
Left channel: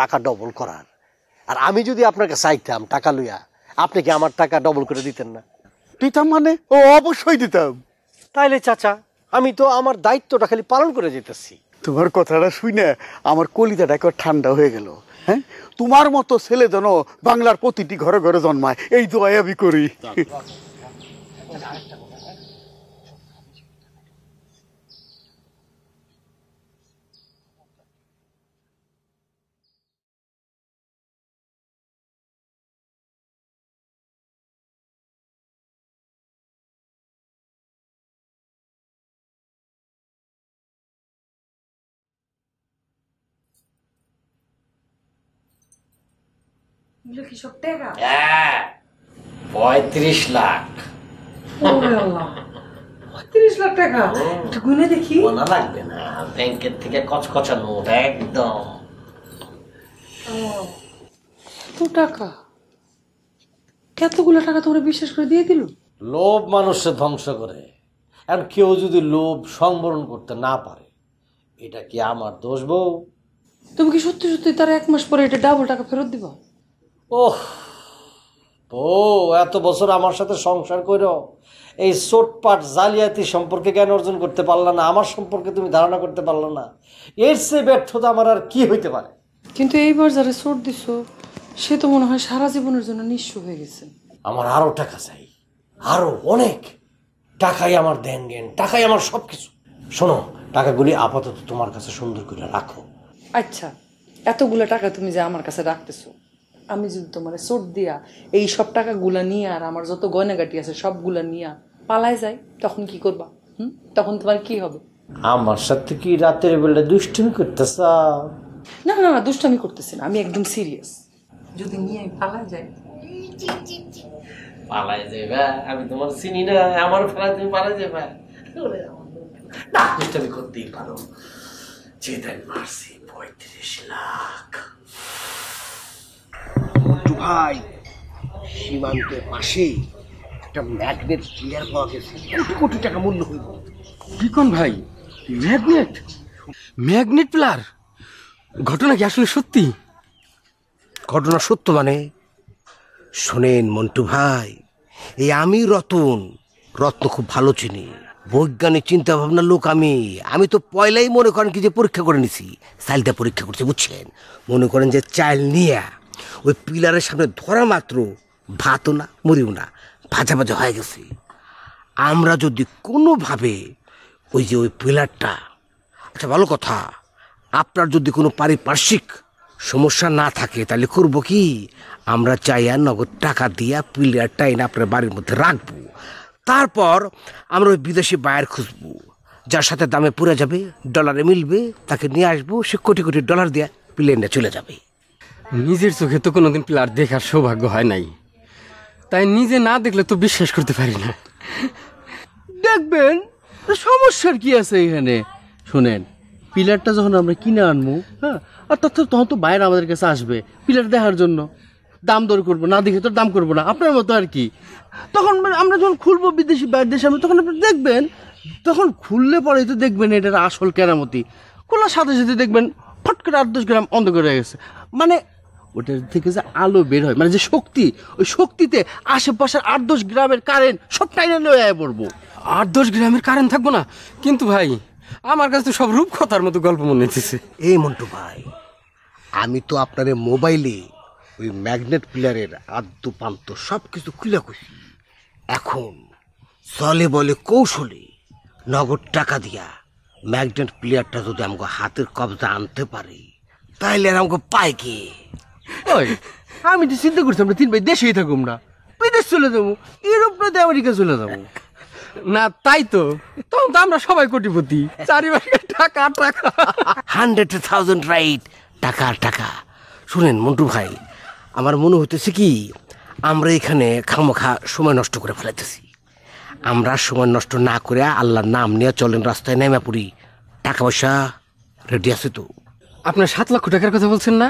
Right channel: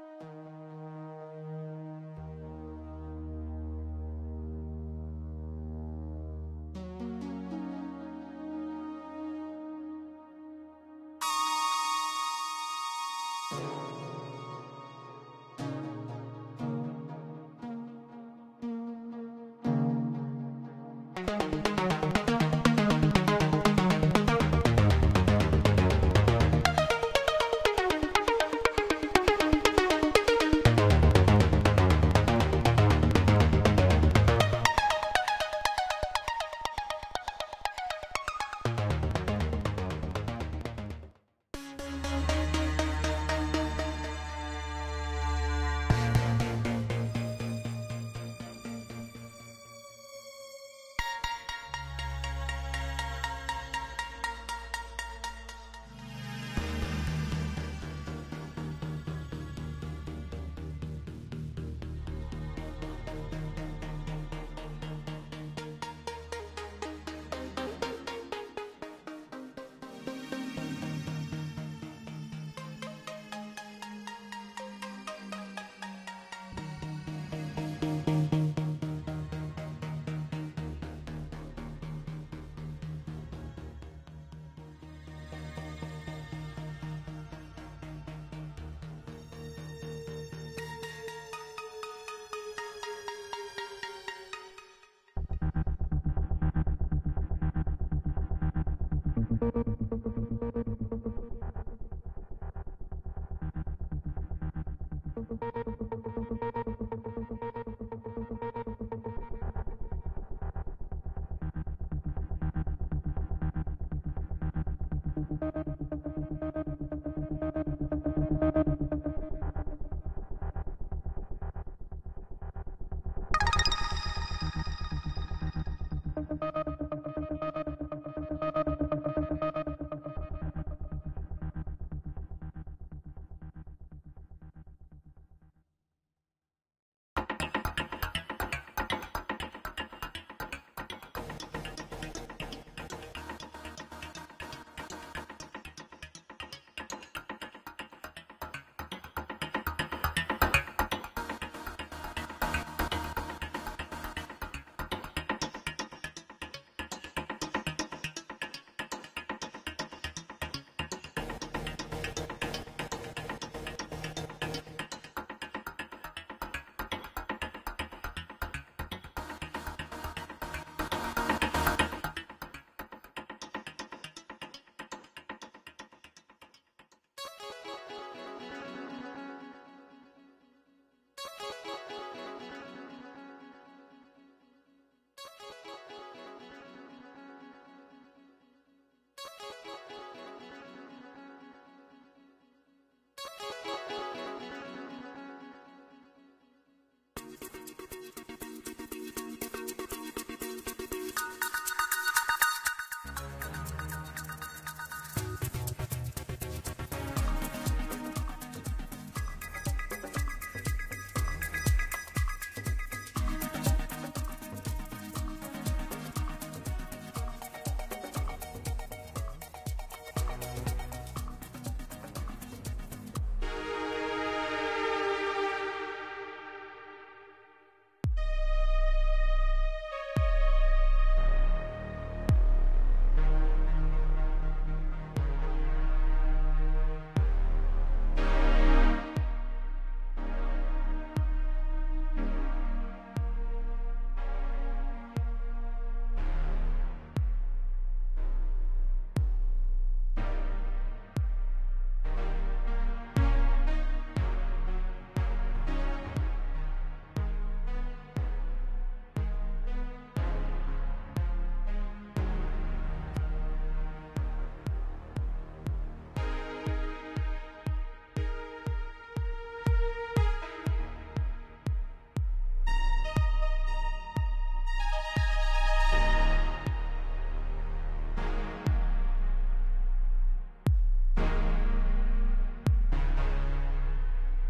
টাকা ডবল করার, আর আমি যদি আপনার কাছে চাইতাম টাকা লইয়া, আপনি কি আমার টাকা ডবল করে দিতেন না? দিতাম মানে? ও অবশ্যই দিতাম। তাইলে চাচা, আমি তো আমার দায়িত্বটা খালি পালন করে যেতেছি। তোমার কথাটা শুনে আমার কলিজাটা একবার ঠান্ডা হয়ে গেল। হ্যাঁ, তোমার মতো ছেলে যেন বাংলার প্রতিটি ঘরে ঘরে জন্মায়, এই দোয়াই আমি করি। হ্যাঁ, 35 লাখ। 30 লাখ টাকা? একটু গুনে দেখি। মনে লাগবে না, ব্যাংকের থেকে কচকচা নোট একদম। তো টাকা, কতগুলো টাকা তোমরা বিশ্বাস করে দিয়ে দিল? লোভ মানুষকে ধ্বংস করে। আর কেউ যদি লোভ সংবরণ করতে না পারে, এটা কি আমার দোষ বউ? তুমি কি সত্যি সত্যি তার 1 মাস পরে এটা ডাবল টাকা ফেরত দিবা? ওহ ও, এত বছর আমার সাথে সংসার করো, এই চোটপাট জালিয়াতি সম্পর্কে জ্ঞান অর্জন করতে পারলা না, আমার সম্পর্কে তুমি ধারণা করতে পারলা না। এর চেয়ে ব্যর্থতা আমার আর কি হইতে পারে? কিন্তু এইবার যারা চোট দিছো সে তো মনে হয় সারা জীবনের জন্য নিঃস্ব হয়ে গেছে। আমার আরো টাকা চাই, আরো অনেক। টাকাই আমার দেন জ্ঞান, টাকাই আমার সবকিছু। শোনো, টাকাগুলি আপাতত তোমার কাছে সুন্দর করে রাখো। আচ্ছা, এতগুলা টাকা তুমি যে আমার কাছে রাখতেছো, আমি যদি তোমার চোট দিয়া এই সব টাকাগুলা নিয়ে আর আমার যত গয়নাগাটি আছে সবগুলা নিয়ে পালায় যাই, তখন কি করবা? তখন তোমার কি হবে? আমার সাথে কি রাতের বেলা দুষ্টুমি করতেছ? না না না, দুষ্টামি করতেছি না, আমি একদম সিরিয়াস। যদি নিয়ে আমি পালায় যাই? পালায় যাবে? আমি তোমার চিনি না, আমার ফেলা তুমি পালায় যাবে? না, দুষ্টুমি করতেই পারো। যে দেন মারছি 35 লাখ। ভাই, সীমান্তের পাশেই একটা ম্যাগনেট ক্লিয়ার পাওয়া গেছে, কোটি কোটি টাকা মূল্য হইব। কি কোন ভাই, ম্যাগনেট? Magnet pillar? ঘটনা কি আসলে সত্যি? ঘটনা সত্য মানে? শোনেন মন্টু ভাই, এই আমি রতন খুব ভালো চিনি, বৈজ্ঞানিক চিন্তা ভাবনার লোক। আমি তো পয়লাই মনে করেন কি যে পরীক্ষা করে নিছি, চাইলটা পরীক্ষা করছি, বুঝছেন? মনে করেন যে চাইল নিয়ে ওই পিলারের সামনে ধরা মাত্র ভাতও না মরিও না, ভাজা ভাজা হয়ে গেছে। আমরা যদি কোনোভাবে ওই যে ওই পিলারটা, আচ্ছা ভালো কথা, আপনার যদি কোনো পারিপার্শ্বিক সমস্যা না থাকে তাহলে করবো কি, আমরা চাইয়া নগদ টাকা দিয়া পিলারটা এনে আপনার বাড়ির মধ্যে রাখবো। তারপর আমরা ওই বিদেশি বায়ার খুঁজবো, যার সাথে দামে পুরে যাবে, ডলারে মিলবে, তাকে নিয়ে আসবো, সে কোটি কোটি ডলার দিয়ে প্লেনে চলে যাবে। নিজের চোখে তো কোনোদিন প্লার দেখার সৌভাগ্য হয় নাই, তাই নিজে না দেখলে তো বিশ্বাস করতে পারি না। দেখবেন সমস্যার কি আছে এখানে? শোনেন, পিলারটা যখন আমরা কিনে আনবো, হ্যাঁ, আর তখন তো বাইরে আমাদের কাছে আসবে পিলার দেখার জন্য, দাম দর করবো, না দেখে তো দাম করবো না, আপনার মতো আর কি। তখন আমরা যখন খুলবো বিদেশি বাইরের দেশে, তখন আপনি দেখবেন, তখন খুললে পরে তো দেখবেন এটার আসল কেরামতি। খোলার সাথে সাথে দেখবেন ফট করে 8-10 গ্রাম অন্ধকার হয়ে গেছে। মানে ওটার থেকে যে আলো বের হয়, মানে যে শক্তি, ওই শক্তিতে আশেপাশের 8-10 গ্রামের কারেন্ট সব টাইনে লয়ে পড়বো। 8-10 গ্রামের কারেন্ট থাকবো না? কিন্তু ভাই, আমার কাছে তো সব রূপকথার মতো গল্প মনে হচ্ছে। এই মন্টু ভাই, আমি তো আপনার মোবাইলে ওই ম্যাগনেট প্লেয়ারের আদ্য পান্ত সব কিছু খুলে খুশি। এখন চলে বলে কৌশলে নগদ টাকা দিয়া ম্যাগনেট প্লেয়ারটা যদি আমাকে হাতের কবজা আনতে পারে, তাহলে আর আমাকে পায় কি? ওই আমি তো চিন্তা করছি আমরা 3 ভাই দেশেই থাকুম না, বিদেশ চলে যাবো, ইউরোপ নয় আমেরিকা চলে যাবো। না তাই তো, তখন তো আমরা সবাই কোটিপতি, চারিপাশে টাকা টাকা। 100,000 রাইট, টাকা টাকা। শুনেন মন্টু ভাই, আমার মনে হইতেছে কি আমরা এখানে খামোখা সময় নষ্ট করে ফেলাইতেছি। আমরা সময় নষ্ট না করে আল্লাহর নাম নিয়ে চলেন, রাস্তায় নেমে পড়ি। টাকা পয়সা রেডি আছে তো? আপনার 7 লক্ষ টাকার কথা বলছেন না?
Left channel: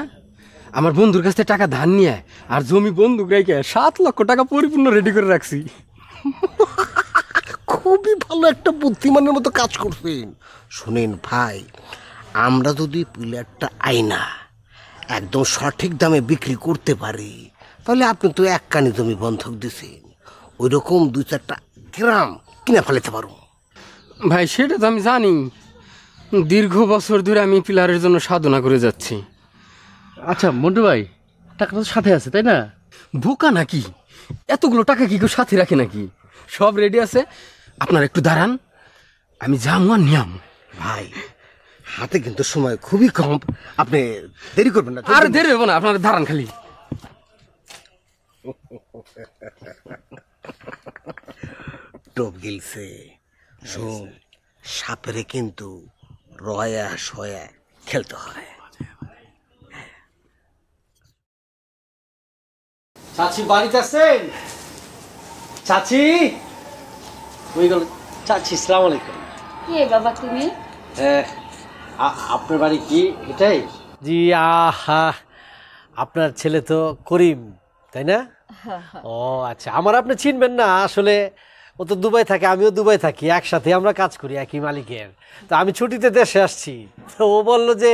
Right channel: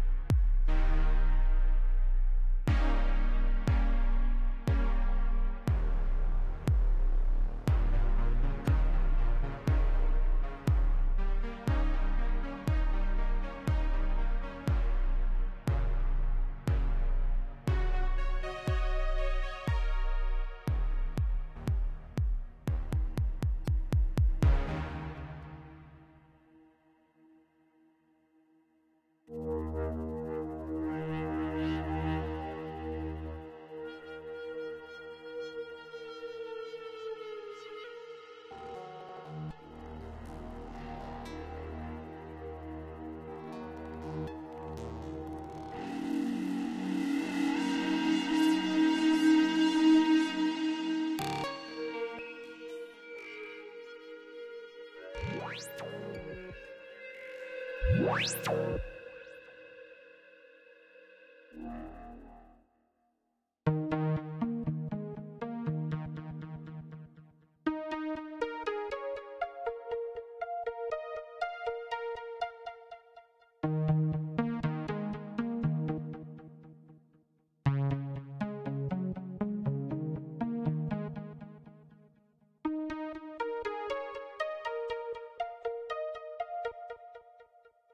আমার বন্ধুর কাছ থেকে টাকা ধার নিয়ে আর জমি বন্ধুক রেখে 7 লক্ষ টাকা পরিপূর্ণ রেডি করে রাখছি। খুবই ভালো একটা বুদ্ধিমানের মতো কাজ করছেন। শুনেন ভাই, আমরা যদি প্লেয়ারটা আইনা একদম সঠিক দামে বিক্রি করতে পারি, তাহলে আপনি তো এক কানি জমি বন্ধক দিছে, ওই রকম 2-4টা গ্রাম কিনে ফেলাতে পারো। ভাই সেটা তো আমি জানি, দীর্ঘ বছর ধরে আমি পিলারের জন্য সাধনা করে যাচ্ছি। আচ্ছা মন্টু ভাই, টাকাটা তো সাথে আছে তাই না? বোকা নাকি? এতগুলো টাকা কি কেউ সাথে রাখে নাকি? সব রেডি আছে, আপনার একটু দাঁড়ান, আমি যাবো আর নিয়াম। ভাই হাতে কিন্তু সময় খুবই কম, আপনি দেরি করবেন না। আর দেরি হবো না, আপনার দাঁড়ান খালি। টোপ গিলছে, শোন, সাপেরে কিন্তু রয়া সয়া খেলতে হয়। চাচি বাড়িতে আছেন? চাচি ওই গেল। চাচি সালাম আলাইকুম। কে বাবা তুমি? আপনার বাড়ি কি এটাই? জি। আহা, আপনার ছেলে তো করিম তাই না? ও আচ্ছা, আমার আপনি চিনবেন না আসলে, ও তো দুবাই থাকে, আমিও দুবাই থাকি, একসাথে আমরা কাজ করি একই মালিকের। তো আমি ছুটিতে দেশে আসছি, তো ও বললো যে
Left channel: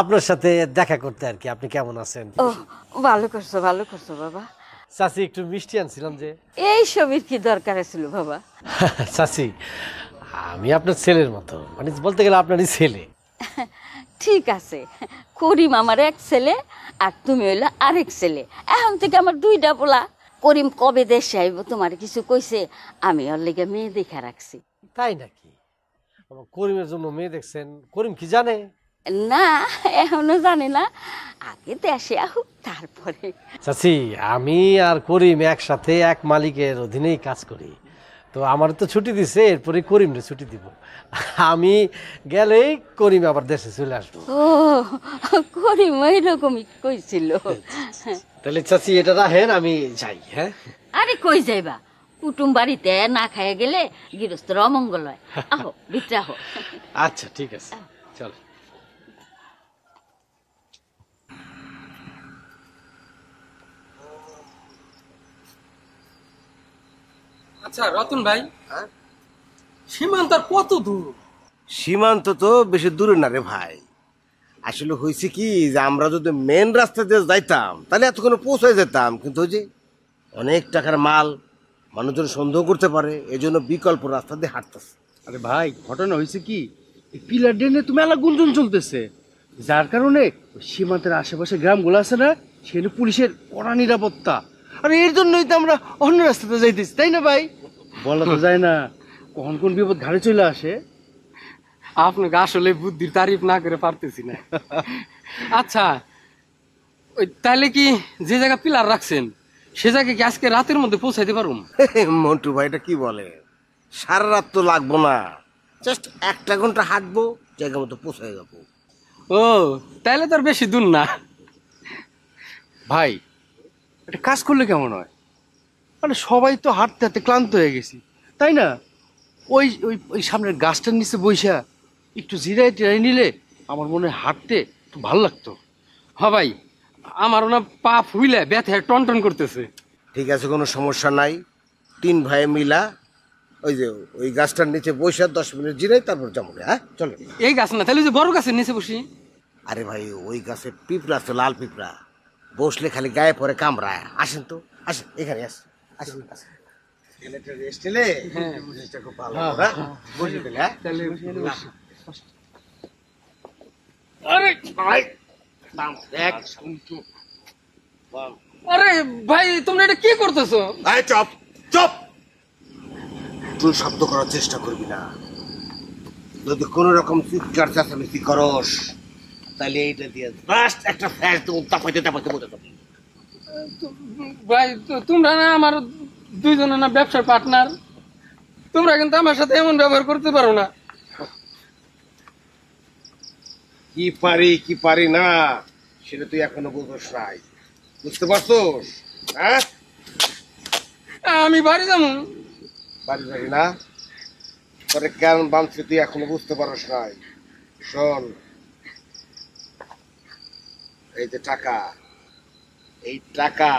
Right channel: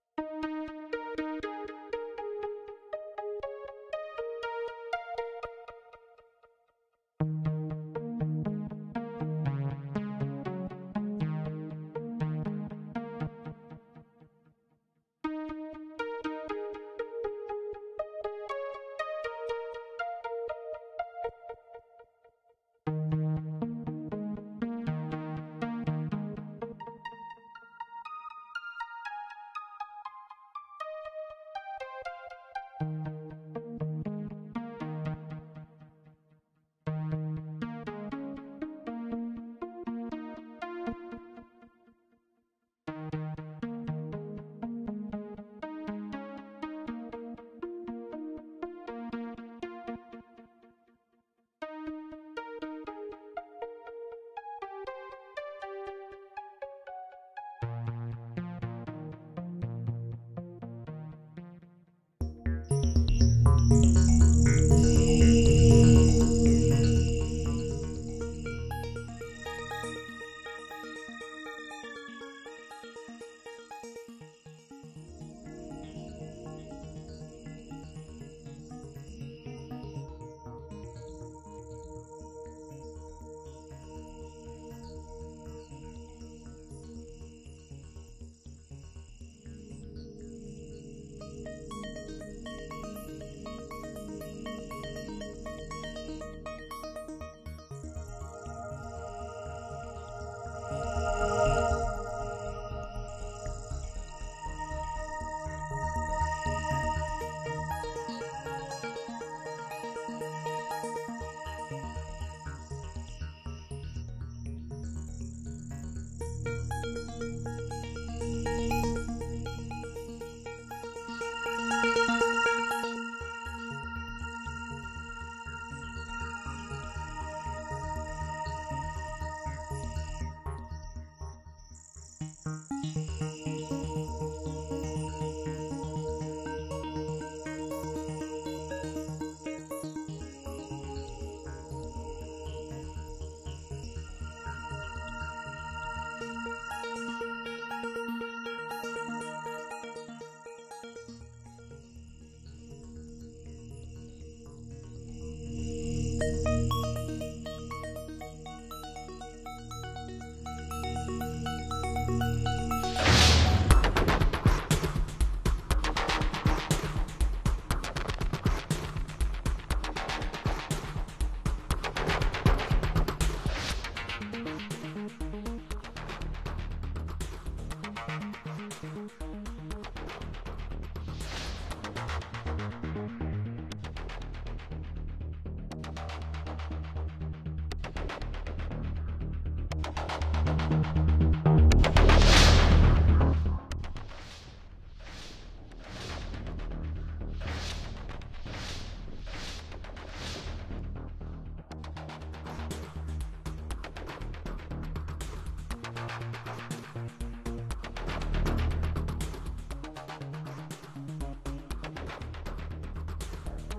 আপনার সাথে দেখা করতে আর কি। আপনি কেমন আছেন? ও ভালো করছো, ভালো করছো বাবা। চাচি একটু মিষ্টি আনছিলাম যে। এই সবের কি দরকার ছিল বাবা? চাচি আমি আপনার ছেলের মতো, মানে বলতে গেলে আপনারই ছেলে। ঠিক আছে, করিম আমার এক ছেলে আর তুমি হইলো আরেক ছেলে। এখন থেকে আমার 2টা পোলা। করিম কবে দেশে আইব তোমার কিছু কইছে? আমি ওর লেগে মেয়ে দেখা রাখছি। তাই না? করিমের জন্য মেয়ে দেখছেন? করিম কি জানে? না, এখনো জানি না, আগে দেশে আহুক তারপরে। চাচি আমি আর করিম একসাথে এক মালিকের অধীনেই কাজ করি, তো আমার তো ছুটি দিছে, এরপরে করিমরে ছুটি দিব। আমি গেলেই করিম আবার দেশে চলে আসবো। ও করিম এরকমই কইছিল। তাহলে চাচি এটা রাখেন, আমি যাই। হ্যাঁ আরে কই যাইবা? কুটুম বাড়িতে না খাইয়া গেলে গৃহস্থর অমঙ্গল হয়। আহো ভিতরে আহো। আচ্ছা ঠিক আছে, চল। আচ্ছা রতন ভাই, সীমান্ত আর কত দূর? সীমান্ত তো বেশি দূরে না রে ভাই। আসলে হয়েছে কি যে আমরা যদি মেন রাস্তা দিয়ে যাইতাম তাহলে এতক্ষণ পৌঁছায় যেতাম, কিন্তু ওই যে অনেক টাকার মাল, মানুষজন সন্দেহ করতে পারে, এই জন্য বিকল্প রাস্তা দিয়ে হাঁটতেছে। আরে ভাই, ঘটনা হয়েছে কি, এই পিলার ড্রেনে তো মেলা গুঞ্জন চলতেছে, যার কারণে সীমান্তের আশেপাশে গ্রামগুলো আছে না, সেখানে পুলিশের কড়া নিরাপত্তা। আর এর জন্যই তো আমরা অন্য রাস্তাতে যাইতেছি, তাই না ভাই? বলা তো যায় না কখন কোন বিপদ ঘাড়ে চলে আসে। আপনাকে আসলে বুদ্ধির তারিফ না করে পারতেছি না। আচ্ছা ওই তাহলে কি যে জায়গা পিলার রাখছেন সে জায়গায় কি আজকে রাতের মধ্যে পৌঁছাইতে পারুম? মন্টু ভাইটা কি বলে, সারা রাত তো লাগবো না, জাস্ট 1 ঘন্টা হাঁটবো, জায়গা মতো পৌঁছায় যাবো। ও তাহলে তো আর বেশি দূর না। ভাই এটা কাজ করলে কেমন হয়? মানে সবাই তো হাঁটতে হাঁটতে ক্লান্ত হয়ে গেছি, তাই না? ওই ওই ওই সামনের গাছটার নিচে বইসা একটু জিরাই টিরাই নিলে আমার মনে হয় হাঁটতে একটু ভালো লাগতো। হ্যাঁ ভাই, আমারও না পা ফুইলে ব্যথায় টনটন করতেছে। ঠিক আছে, কোনো সমস্যা নাই। 3 ভাই মিলা ওই যে ওই গাছটার নিচে বসে 10 মিনিট জিরাই, তারপর যাবো। হ্যাঁ চলো। এই গাছ না, তাহলে যে বড় গাছের নিচে বসি। আরে ভাই ওই গাছে পিঁপড়া আছে, লাল পিঁপড়া, বসলে খালি গায়ে পরে কামড়ায়। আসেন তো, আসেন এখানে, আসেন আসেন আসেন। ছেলেটা রেস্ট নিলে জিনিসটা খুব ভালো। হ্যাঁ বসে গেলে। হ্যাঁ তাহলে আরে ভাই এক আরে ভাই তোমরা এটা কি করতেছো? ভাই চপ চপ, তুই শব্দ করার চেষ্টা করবি না। যদি কোন রকম চিৎকার চেঁচামেচি করস তাহলে এইটা দিয়ে ফার্স্ট একটা ফ্ল্যাশ তো তাপাইতে তাপাইতে বলতে হবে। ভাই তোমরা না আমার দুইজনে না ব্যবসার পার্টনার, তোমরা কিন্তু আমার সাথে এমন ব্যবহার করতে পারো না। কি পারি কি পারি না সেটা তুই এখনো বুঝোস নাই, বুঝতে পারছোস? হ্যাঁ আমি বাড়ি যাবো। বাড়ি যাবি না? তোরে কেন বাঁধছে তুই এখনো বুঝতে পারস নাই। শোন, এই যে টাকা, এই টাকা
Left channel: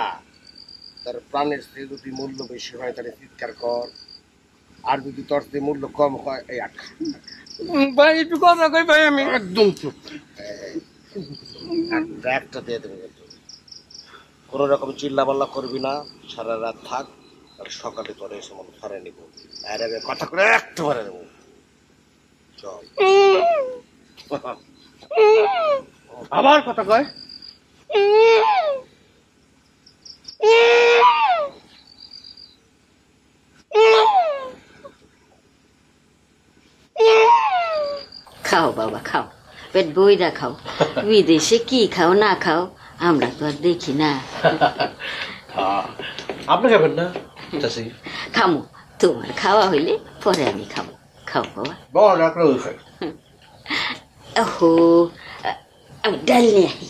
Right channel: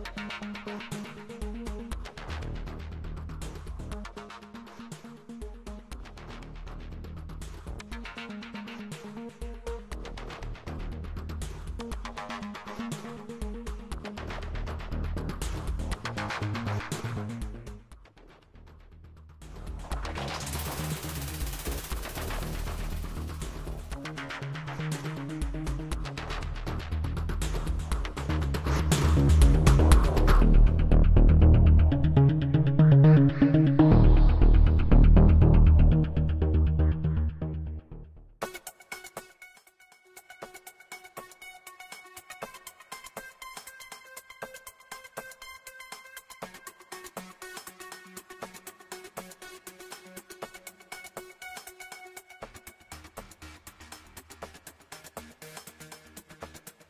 তোর প্রাণের চেয়ে যদি মূল্য বেশি হয় তাহলে চিৎকার কর, আর যদি তোর চেয়ে মূল্য কম হয় এই আখ। ভাই একটু কথা কই ভাই, আমি একদম চুপ। একটা দিয়ে দেবো, কোনো রকম চিল্লা পাল্লা করবি না, সারা রাত থাক, আর সকালে করে এসে মন ধরে নিব, আর আমি পাঠা করে একটু ভরে নেবো। আবার কথা কয়। খাও বাবা খাও, পেট বইরা খাও। বিদেশে কি খাও না খাও আমরা তো আর দেখি না। আপনি খাবেন না চাষি? খামো, তোমার খাওয়া হইলে পরে আমি খাবো। খাও বাবা। বল আপনার খাই। ওহো, আমি ডাল নিয়ে আই।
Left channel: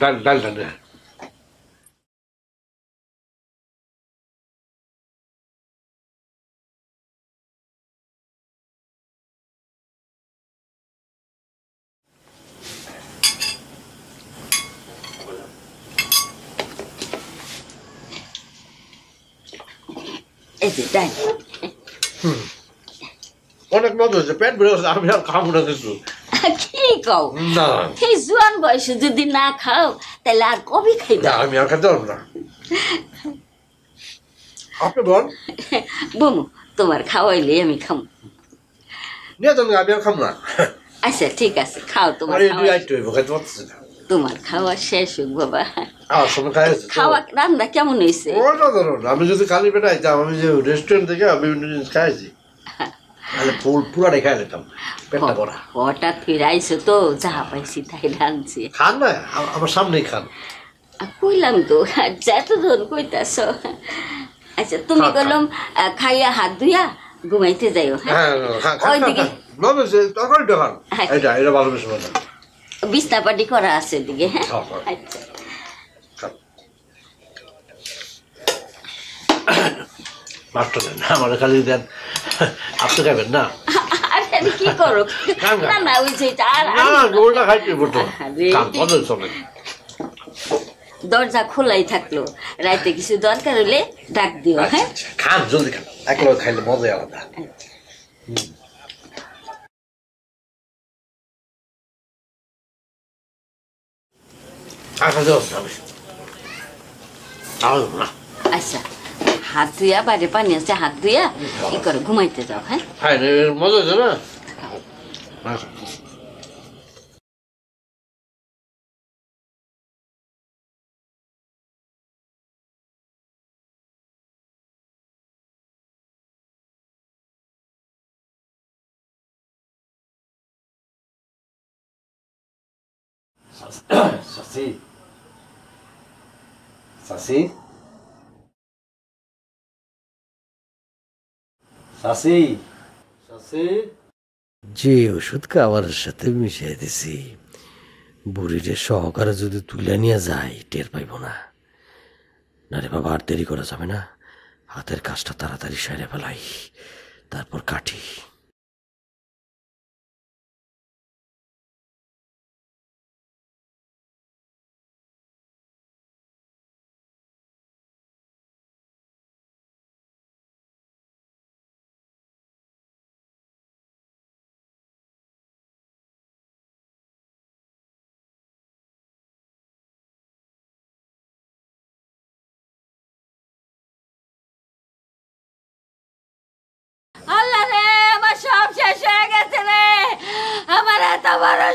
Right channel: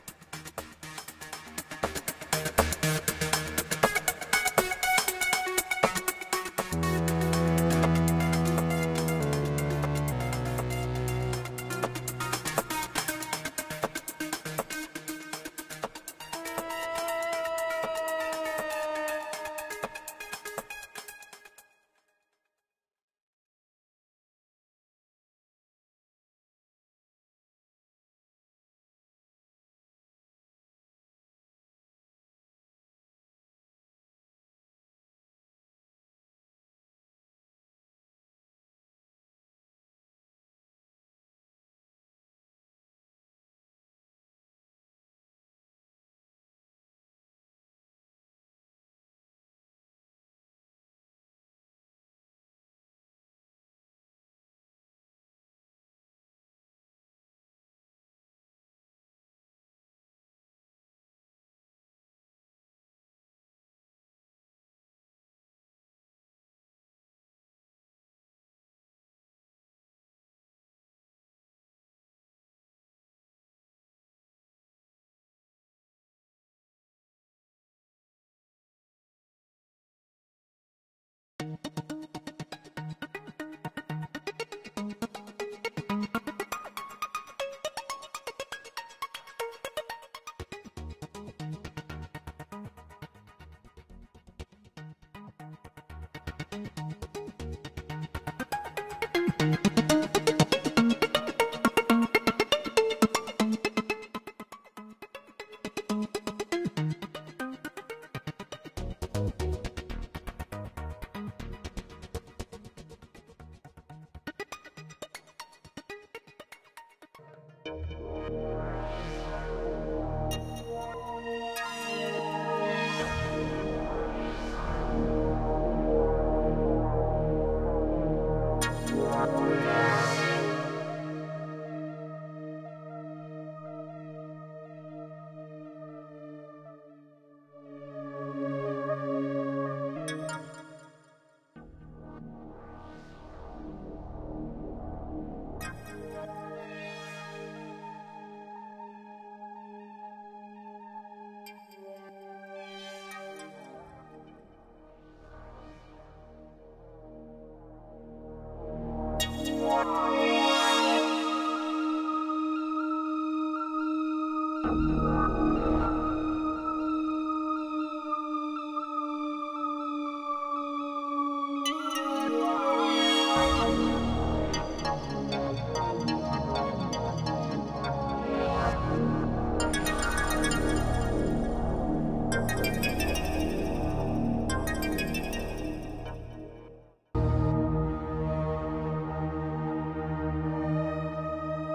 ডাল ডাল ডাল। এই যে ডাল। অনেক মজা হচ্ছে, পেট ভরে গেছে, আমি আর খাবো না কিছু। কি কও? না এই জোয়ান বয়সে যদি না খাও তাহলে আর কবে খাইবা? আমি আর খেতে পারবো না। আপনি বল। বমু, তোমার খাওয়াইলে আমি খামো। নিয়ে যান, আমি আর খাবো না। আচ্ছা ঠিক আছে, খাও। তোমার তোমার খাওয়া শেষ হোক বাবা। খাওয়া রান্না কেমন হয়েছে? আমি যদি খালি পেটে আইতাম, আমি যে রেস্টুরেন্ট থেকে বিভিন্ন জিনিস খাইছি, তাহলে পুরাটাই খাই নিতাম, পেটটা ভরা। হঠাৎ ফিরে আইসো তো, যাহা পাইছি তাই রাঁধছি। খান না, আমার সামনেই খান। কইলাম তো, যতজন কইতাছ। আচ্ছা তুমি বললাম খাইয়া হাত ধুইয়া ঘুমাইতে যাইও। ওইদিকে তরকারিটা খান, এটা ভালো বেশি মজা। বিছনা পাটি করা আছে ওদিকে। হ্যাঁ আচ্ছা। মাছটা দেন, আমার খালি দেন। আপনি খাবেন না? আমি কি করো? না না, ওই যে ওটা খাইতে বলতো চলে। দরজা খোলাই থাকলো, রাইতে কিছু দরকার হলে ডাক দিও। হ্যাঁ খান, জলদি খান, একলা খাইলে মজাই আলাদা। আচ্ছা, হাত ধুইয়া, বাইরে পানি আছে, হাত ধুইয়া কি করে ঘুমাইতে যাও। হ্যাঁ মজা হচ্ছে না? Sasi, Sasi, Sasi, Sasi. যে ওষুধ খাবারের সাথে মিশিয়ে দিছি, বুড়িরে সহকারে যদি তুলে নিয়ে যায় টের পাইব না। না রে বাবা, আর দেরি করা যাবে না, হাতের কাজটা তাড়াতাড়ি সেরে ফেলাই, তারপর কাটি।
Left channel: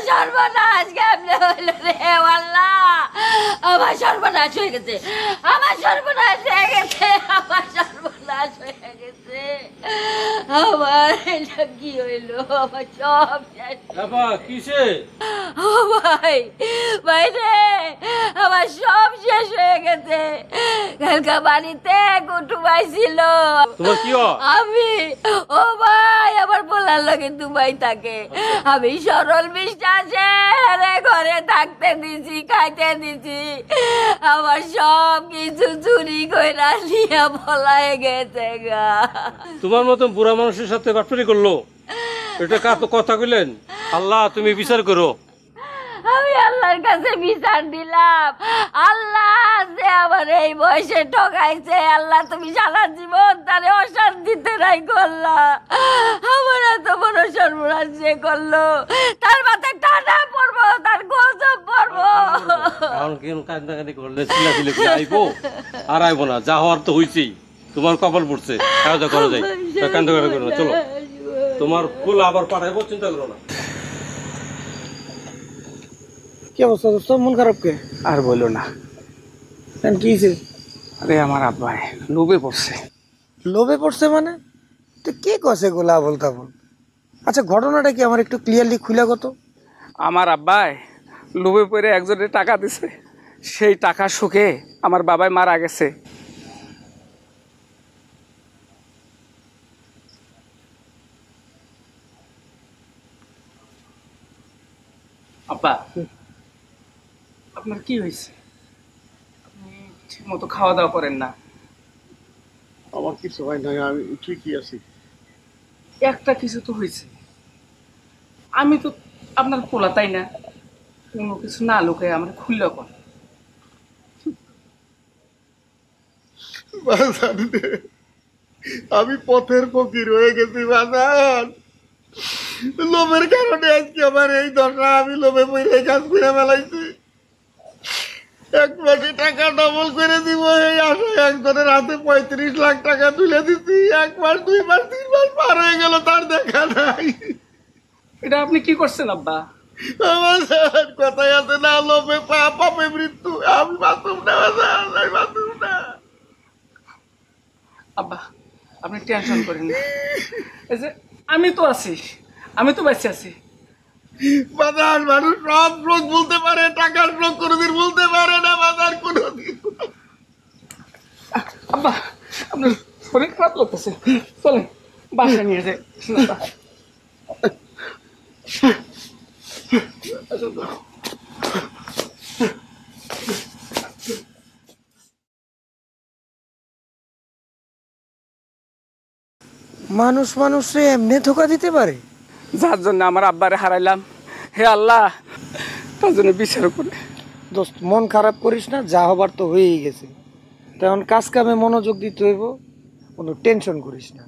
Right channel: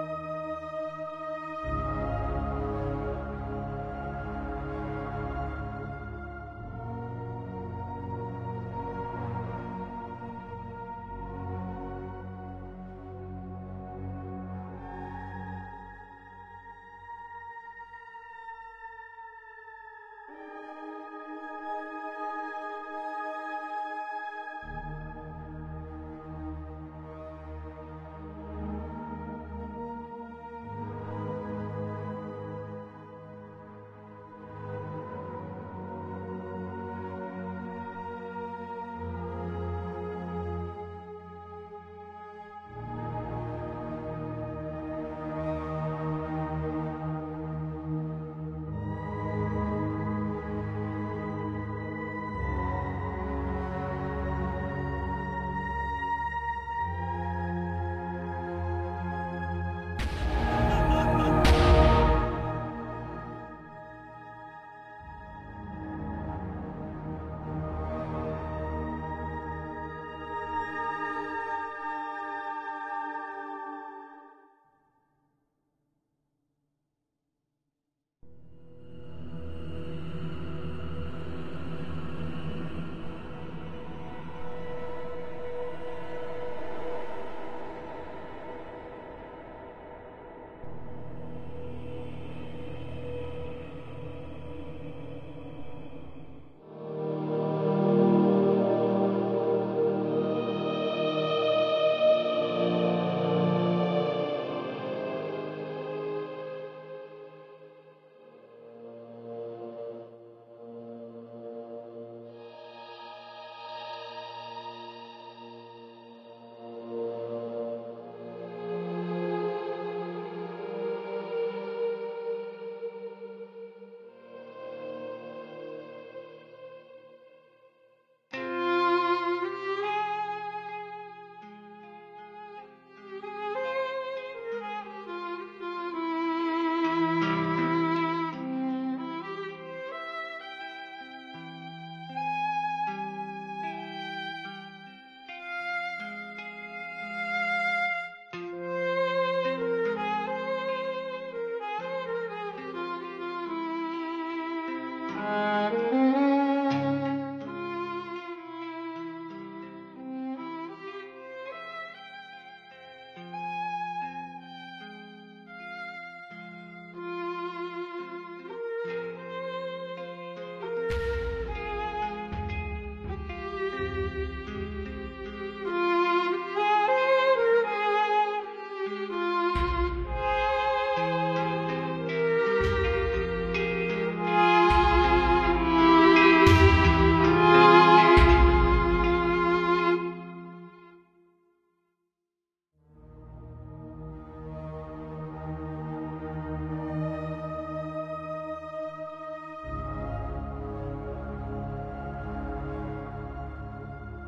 সর্বনাশ কেমনে হইল রে আল্লাহ, আমার সর্বনাশ হয়ে গেছে, আমার সর্বনাশ হয়ে গেছে, আমার সর্বনাশ হয়ে গেছে। আমার এটা কি হইল? আমার সব কিসে? ও ভাই, ভাই রে, আমার সব শেষ হয়ে গেছে। কালকা বাড়িতে কুটুম আইছিল। তোমার কি হয়? আমি ও ভাই আমার বলার লাগে দুবাই থাকে। আমি সরল বিশ্বাসে রে ঘরে থাকতে দিছি, খাইতে দিছি। আমার সব কিছু চুরি কইরা নিয়ে পলায় গেছে গা। তোমার মতো বুড়া মানুষের সাথে বাটপারি করলো, এটা কার তো কথা কইলেন? আল্লাহ তুমি বিচার করো। আমি আল্লাহর কাছে বিচার দিলাম, আল্লাহ যে আমার এই বয়সে ঠকাইছে, আল্লাহ তুমি সারা জীবন তারে অশান্তিতে রাই করলা। আমার এত বড় সর্বনাশ যে করলো, তার মাথায় টানা পড়বো, তার গজব পড়বো। এখন কেন কান্দাকাটি করলে চিল্লাচিল্লি করে আইবো? আর আইবো না, যা হওয়ার তো হইছেই। তোমার কপাল পড়ছে, খাওয়া করা যায়, কান্দাকাটি করো না। চলো, তোমার ফুল আবার পাঠাইবো, চিন্তা করো না। কি অবস্থা দোস্ত, মন খারাপ কে? আর বললো না। কি হয়েছে? আরে আমার আব্বাই লোভে পড়ছে। লোভে পড়ছে মানে? তো কে কছে গোলা বলতাম? আচ্ছা ঘটনাটা কি আমার একটু ক্লিয়ারলি খুলে কত? আমার আব্বাই লোভে পড়ে একজনের টাকা দিছে, সেই টাকা সুখে আমার বাবাই মারা গেছে। আব্বা, আপনার কি হয়েছে? ঠিক মতো খাওয়া দাওয়া করেন না। আমার কিছু হয় না, আমি ঠিকই আছি। একটা কিছু তো হয়েছে। আমি তো আপনার পোলা, তাই না? কোনো কিছু না লোকে আমার খুললে কর। আমি পথের ফকির হয়ে গেছি বাজান। লোভের কারণে আজকে আমার এই দশা। আমি লোভে পড়ে কাজ করে ফেলাইছি। এক মাসে টাকা ডবল করে দিব এই আশায় একজনের হাতে 35 লাখ টাকা তুলে দিচ্ছি। 1 মাস 2 মাস 3 মাস পার হয়ে গেল, তার দেখা নাই। এটা আপনি কি করছেন আব্বা? আমার কথাই আছে না, লোভে পাপে মৃত্যু। আমি বাঁচুম না বাজান, আমি বাঁচুম না। আব্বা আপনি টেনশন করেন না, এই যে আমি তো আছি, আমি তো বেঁচে আছি। বাজার মানুষ সব রোগ বলতে পারে, টাকার রোগ কোনোদিন বলতে পারে না বাজার কোনোদিন। আব্বা আপনার শরীর খারাপ লাগতেছে, চলেন বাসায় নিয়ে যাই। মানুষ মানুষে এমনি ধোকা দিতে পারে? যার জন্য আমার আব্বারে হারাইলাম, হে আল্লাহ তার জন্য বিচার করে। দোস্ত মন খারাপ করিস না, যা হবার তো হয়েই গেছে। তেমন কাজ কামে মনোযোগ দিতে হইব, কোনো টেনশন করিস না।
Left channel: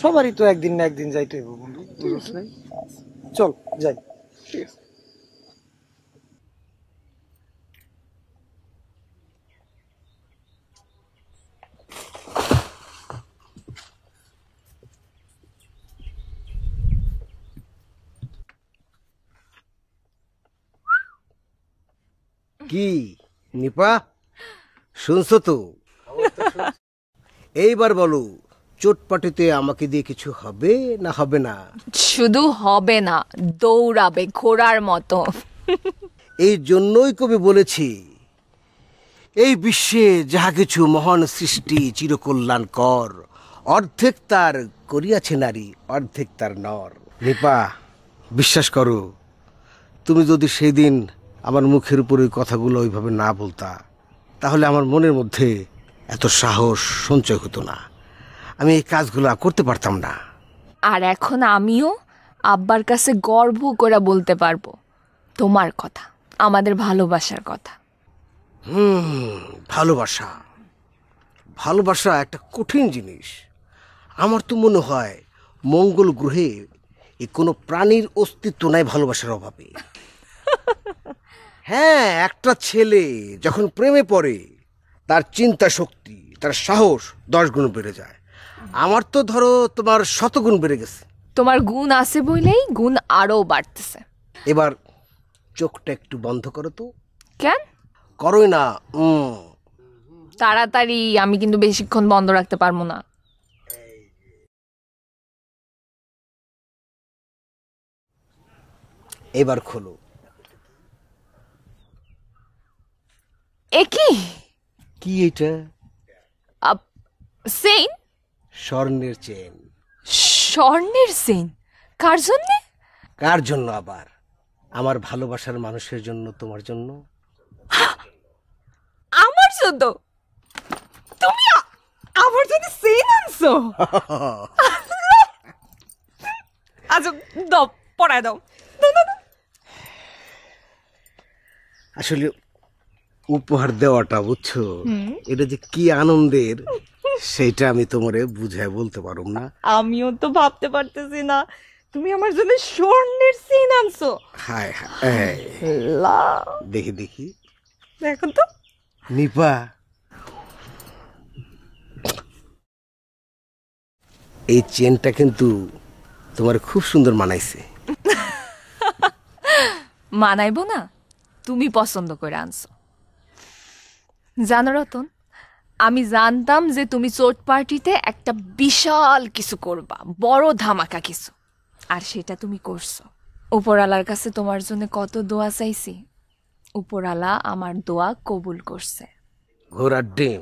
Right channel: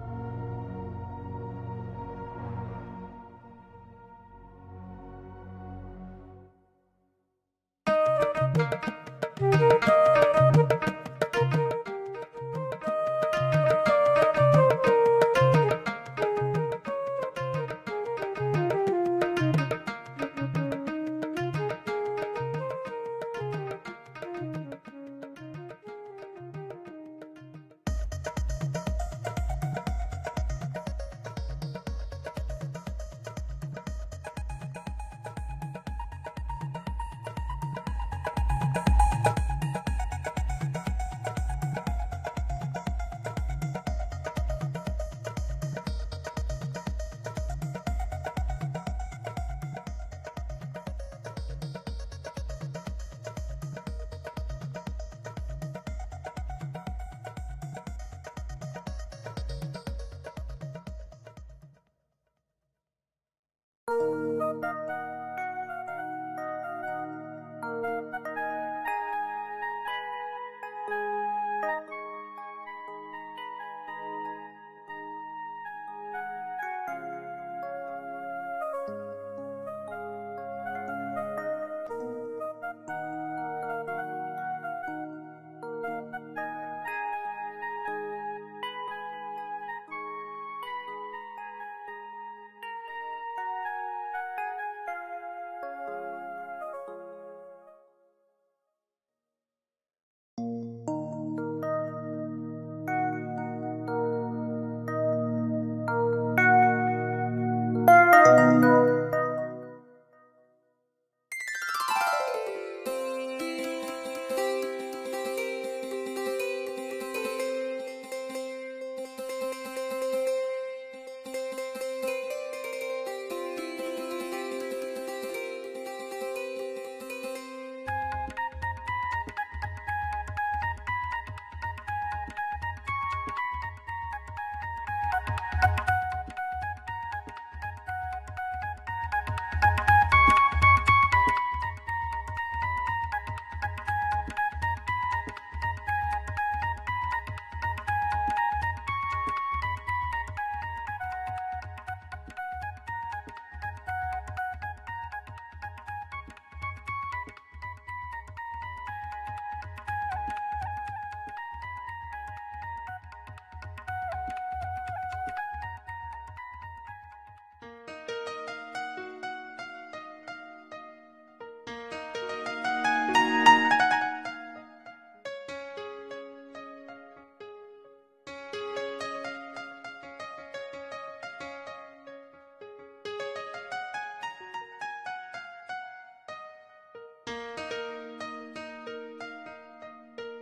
সবারই তো একদিন না একদিন যাইতে হইব। চল যাই। ঠিক আছে। কি নিপা, শুনছো তো? এইবার বলো, চোটপাটিতে আমাকে দিয়ে কিছু হবে না হবে না? শুধু হবে না, দৌড়াবে ঘোড়ার মতো। এই জন্যই কবি বলেছি, এই বিশ্বে যাহা কিছু মহান সৃষ্টি চিরকল্যাণকর, অর্ধেক তার করিয়াছে নারী, অর্ধেক তার নর। নিপা, বিশ্বাস করো, তুমি যদি সেদিন আমার মুখের উপর ওই কথাগুলো ওইভাবে না বলতা, তাহলে আমার মনের মধ্যে এত সাহস সঞ্চয় হতো না, আমি এই কাজগুলো করতে পারতাম না। আর এখন আমিও আব্বার কাছে গর্ব করে বলতে পারবো তোমার কথা, আমাদের ভালোবাসার কথা। ভালোবাসা, ভালোবাসা একটা কঠিন জিনিস। আমার তো মনে হয় মঙ্গল গ্রহে কোনো প্রাণীর অস্তিত্ব নাই ভালোবাসার অভাবে। হ্যাঁ, একটা ছেলে যখন প্রেমে পড়ে, তার চিন্তা শক্তি, তার সাহস 10 গুণ বেড়ে যায়। আমার তো ধরো তোমার 100 গুণ বেড়ে গেছে। তোমার গুণ আছে বলেই গুণ আরো বাড়তেছে। এবার চোখটা একটু বন্ধ করো তো। কেন? করোই না। তাড়াতাড়ি, আমি কিন্তু বেশিক্ষণ বন্ধ রাখতে পারবো না। এবার খোলো। এ কি? কি এটা? চেইন? স্বর্ণের চেন। স্বর্ণের চেইন? কার জন্য? কার জন্য আবার? আমার ভালোবাসার মানুষের জন্য, তোমার জন্য। আমার জন্য? তুমি আমার জন্য চেইন আনছো? আচ্ছা দাও, পরায় দাও। আসলে উপহার দেওয়াটা, বুঝছো, এটা যে কি আনন্দের সেটা আমি তোমারে বুঝায় বলতে পারব না। আমিও তো ভাবতে পারতেছি না তুমি আমার জন্য স্বর্ণের চেইন আনছো। হায় হায়, দেখি দেখি, দেখো তো। নিপা, এই চেনটা কিন্তু তোমার খুব সুন্দর মানাইছে। মানাইবো না? তুমি পছন্দ করে আনছো। জানো রতন, আমি জানতাম যে তুমি চোট পার্টিতে একটা বিশাল কিছু করবা, বড় ধামাকা কিছু, আর সেটা তুমি করছো। উপরালার কাছে তোমার জন্য কত দোয়া চাইছি, উপরালা আমার দোয়া কবুল করছে। ঘোড়ার ডিম,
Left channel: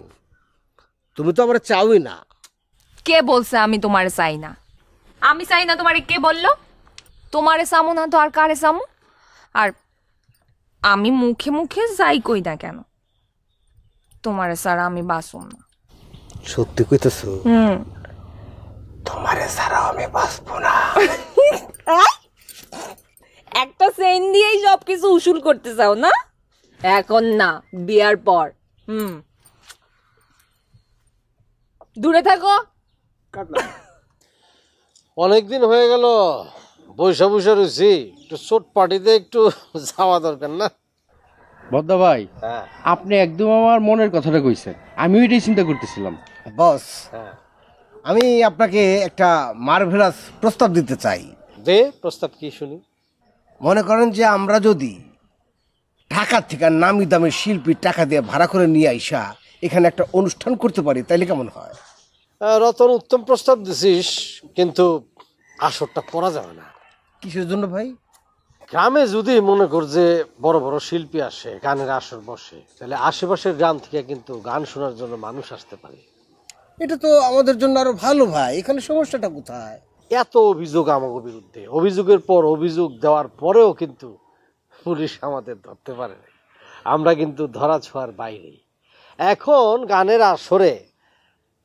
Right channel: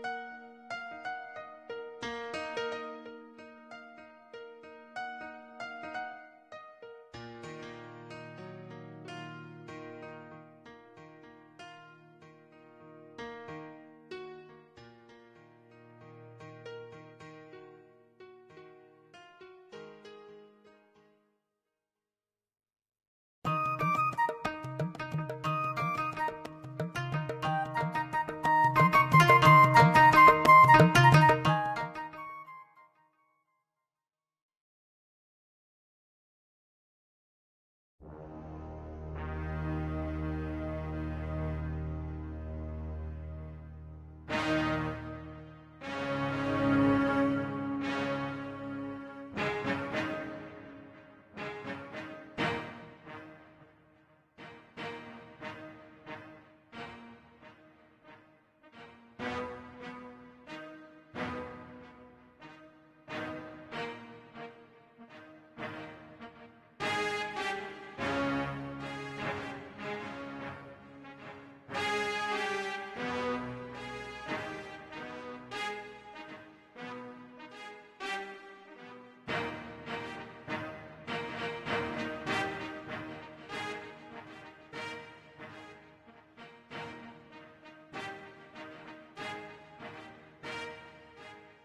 তুমি তো আমার চাওই না। কে বলছে আমি তোমারে চাই না? আমি চাই না তোমারে কে বললো? তোমারে চামো না তো আর কারে চামো? আর আমি মুখে মুখে যাই কই না কেন, তোমারে ছাড়া আমি বাঁচব না। সত্যি কইতেছো? তোমারে ছাড়া আমি বাঁচবো না। একটা চেইন দিয়েই সবকিছু উসুল করতে চাও না? এখন না, বিয়ার পর। দূরে থাকো। অনেকদিন হয়ে গেল বৈশা বৈশা রয়েছি, একটু চোট পার্টিতে একটু যাওয়া দরকার না? বদ্দা ভাই, আপনি একদম আমার মনের কথাটা কইছেন, আমিও এটাই চিন্তা করতেছিলাম। বস, আমি আপনাকে একটা মার্ভেলাস প্রস্তাব দিতে চাই। দে, প্রস্তাব কি শুনি। মনে করেন যে আমরা যদি ঢাকা থেকে নামি দামি শিল্পীর টাকা দিয়ে ভাড়া করে নিয়ে আইসা এখানে একটা অনুষ্ঠান করতে পারি, তাইলে কেমন হয়? রতন, উত্তম প্রস্তাব দিছিস, কিন্তু আসরটা করা যাবে না। কিসের জন্য ভাই? গ্রামে যদি মনে কর যে বড় বড় শিল্পী আসে, গানের আসর বসে, তাহলে আশেপাশের গ্রাম থেকে কিন্তু গান শোনার জন্য মানুষ আসতে পারে। এটা তো আমাদের জন্য আরো ভালো ভাই। এখানে সমস্যাটা কোথায়? এত অভিযোগ আমাদের বিরুদ্ধে, অভিযোগের পর অভিযোগ দেওয়ার পরেও কিন্তু পুলিশ আমাদের ধরতে পারে না। আমরা কিন্তু ধরা ছোঁয়ার বাইরে। এখন গানের আসরে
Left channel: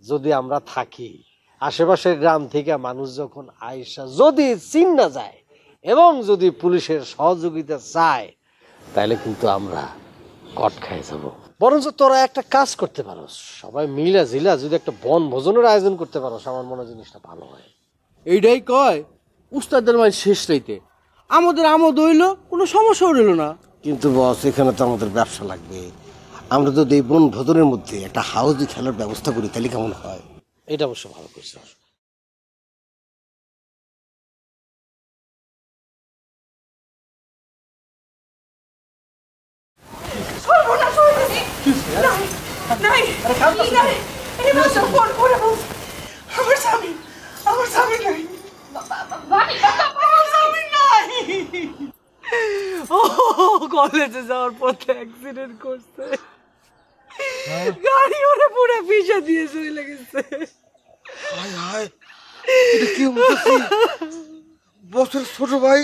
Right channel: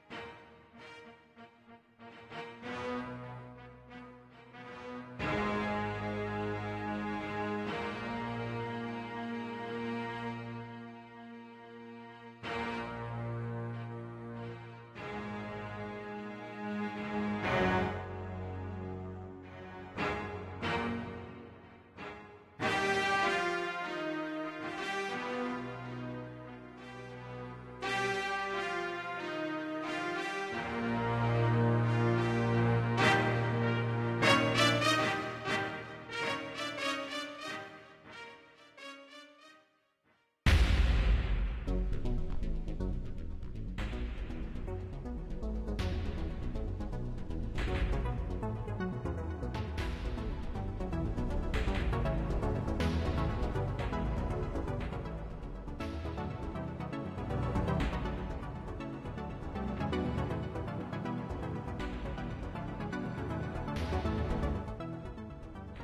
যদি আমরা থাকি, আশেপাশের গ্রাম থেকে মানুষ যখন আইসা যদি চিন্না যায় এবং যদি পুলিশের সহযোগিতা চায়, তাহলে কিন্তু আমরা কট খাই যাব। বরঞ্চ তোরা একটা কাজ করতে পারো, সবাই মিলা জিলা যদি একটা বনভোজনের আয়োজন করতে পারো, আমার মনে জিনিসটা ভালো। এইটাই কয় উস্তাদের মাই শেষ রাইতে আমাদের আমোদ হইলো, কোনো সমস্যা হইল না। কিন্তু বস, এখানে তো আমাদের ব্যবসা লাগবে। আমরা যদি এই বনভোজনের মধ্যে একটা হাউজি খেলার ব্যবস্থা করি, তাহলে কেমন হয়? এটা অবশ্য কলেজে যাওয়ার পথে অ্যাক্সিডেন্ট করছে, গাড়ি ওরে পুরো পিষে দিয়ে চলে গেছে। বসের ছোট ভাই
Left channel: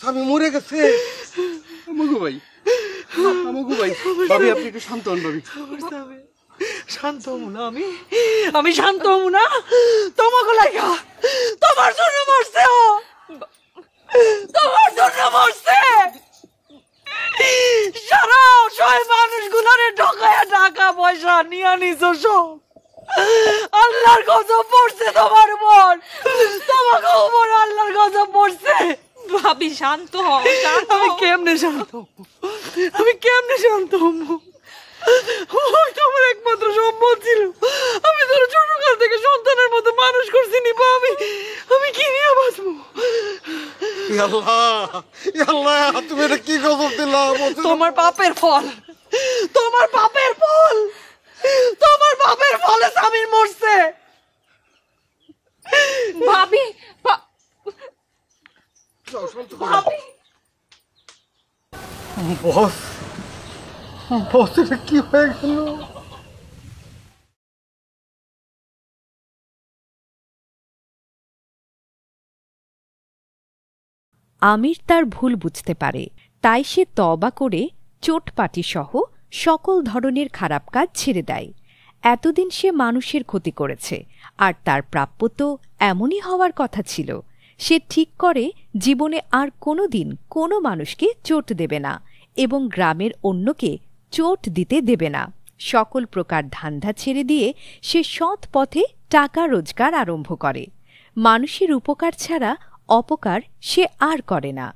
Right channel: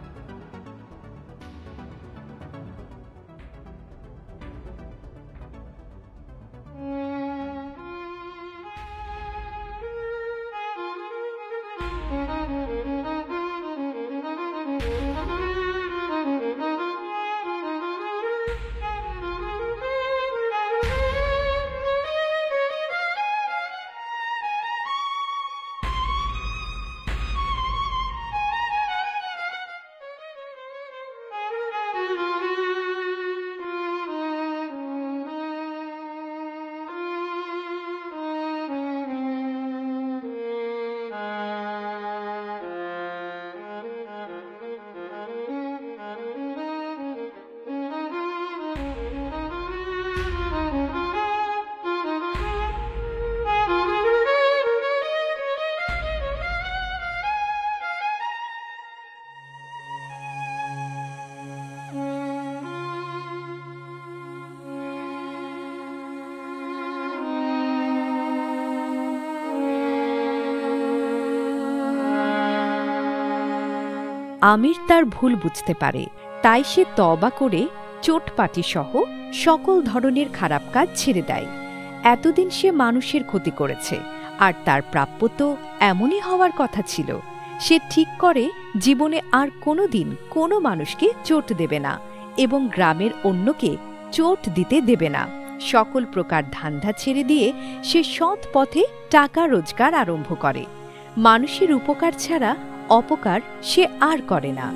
স্বামী মরে গেছে। আমগো ভাই, আমগো ভাই, ভাবি আপনি একটু শান্ত হন ভাবি। শান্ত হবো না আমি শান্ত হবো না? তোমাকে লাগা, তোমার জন্য মরছে ও, তোমার জন্য মরছে। সারা অসহায় মানুষগুলোরে ঠকায়া টাকা পয়সা নিয়ে নিছো সব। আল্লাহর গজব পড়ছে তোমার উপর, তোমাকে উপর আল্লাহর গজব পড়ছে। ভাবি শান্ত হও। আমি কেমনে শান্ত, আমি কেমনে শান্ত হবো? ওই তো আমার একমাত্র সম্পদ ছিল। আমি তোর ছোটকাল থেকে সন্তানের মতো মানুষ করছি নিবা। আমি কি নিয়ে বাঁচবো? তুমি এটা কি খবর দিলাম? তোমার পাপের ফল, তোমার পাপের ফল, তোমার পাপের ফলে স্বামীর মরছে। ভাবি, বস, বস, এটা কি হয়ে গেল? আমির তার ভুল বুঝতে পারে, তাই সে তওবা করে চোটপাটি সহ সকল ধরনের খারাপ কাজ ছেড়ে দেয়। এতদিন সে মানুষের ক্ষতি করেছে, আর তার প্রাপ্য তো এমনই হওয়ার কথা ছিল। সে ঠিক করে জীবনে আর কোনোদিন কোনো মানুষকে চোট দেবে না এবং গ্রামের অন্যকে চোট দিতে দেবে না। সকল প্রকার ধান্দা ছেড়ে দিয়ে সে সৎ পথে টাকা রোজগার আরম্ভ করে। মানুষের উপকার ছাড়া অপকার সে আর করে না।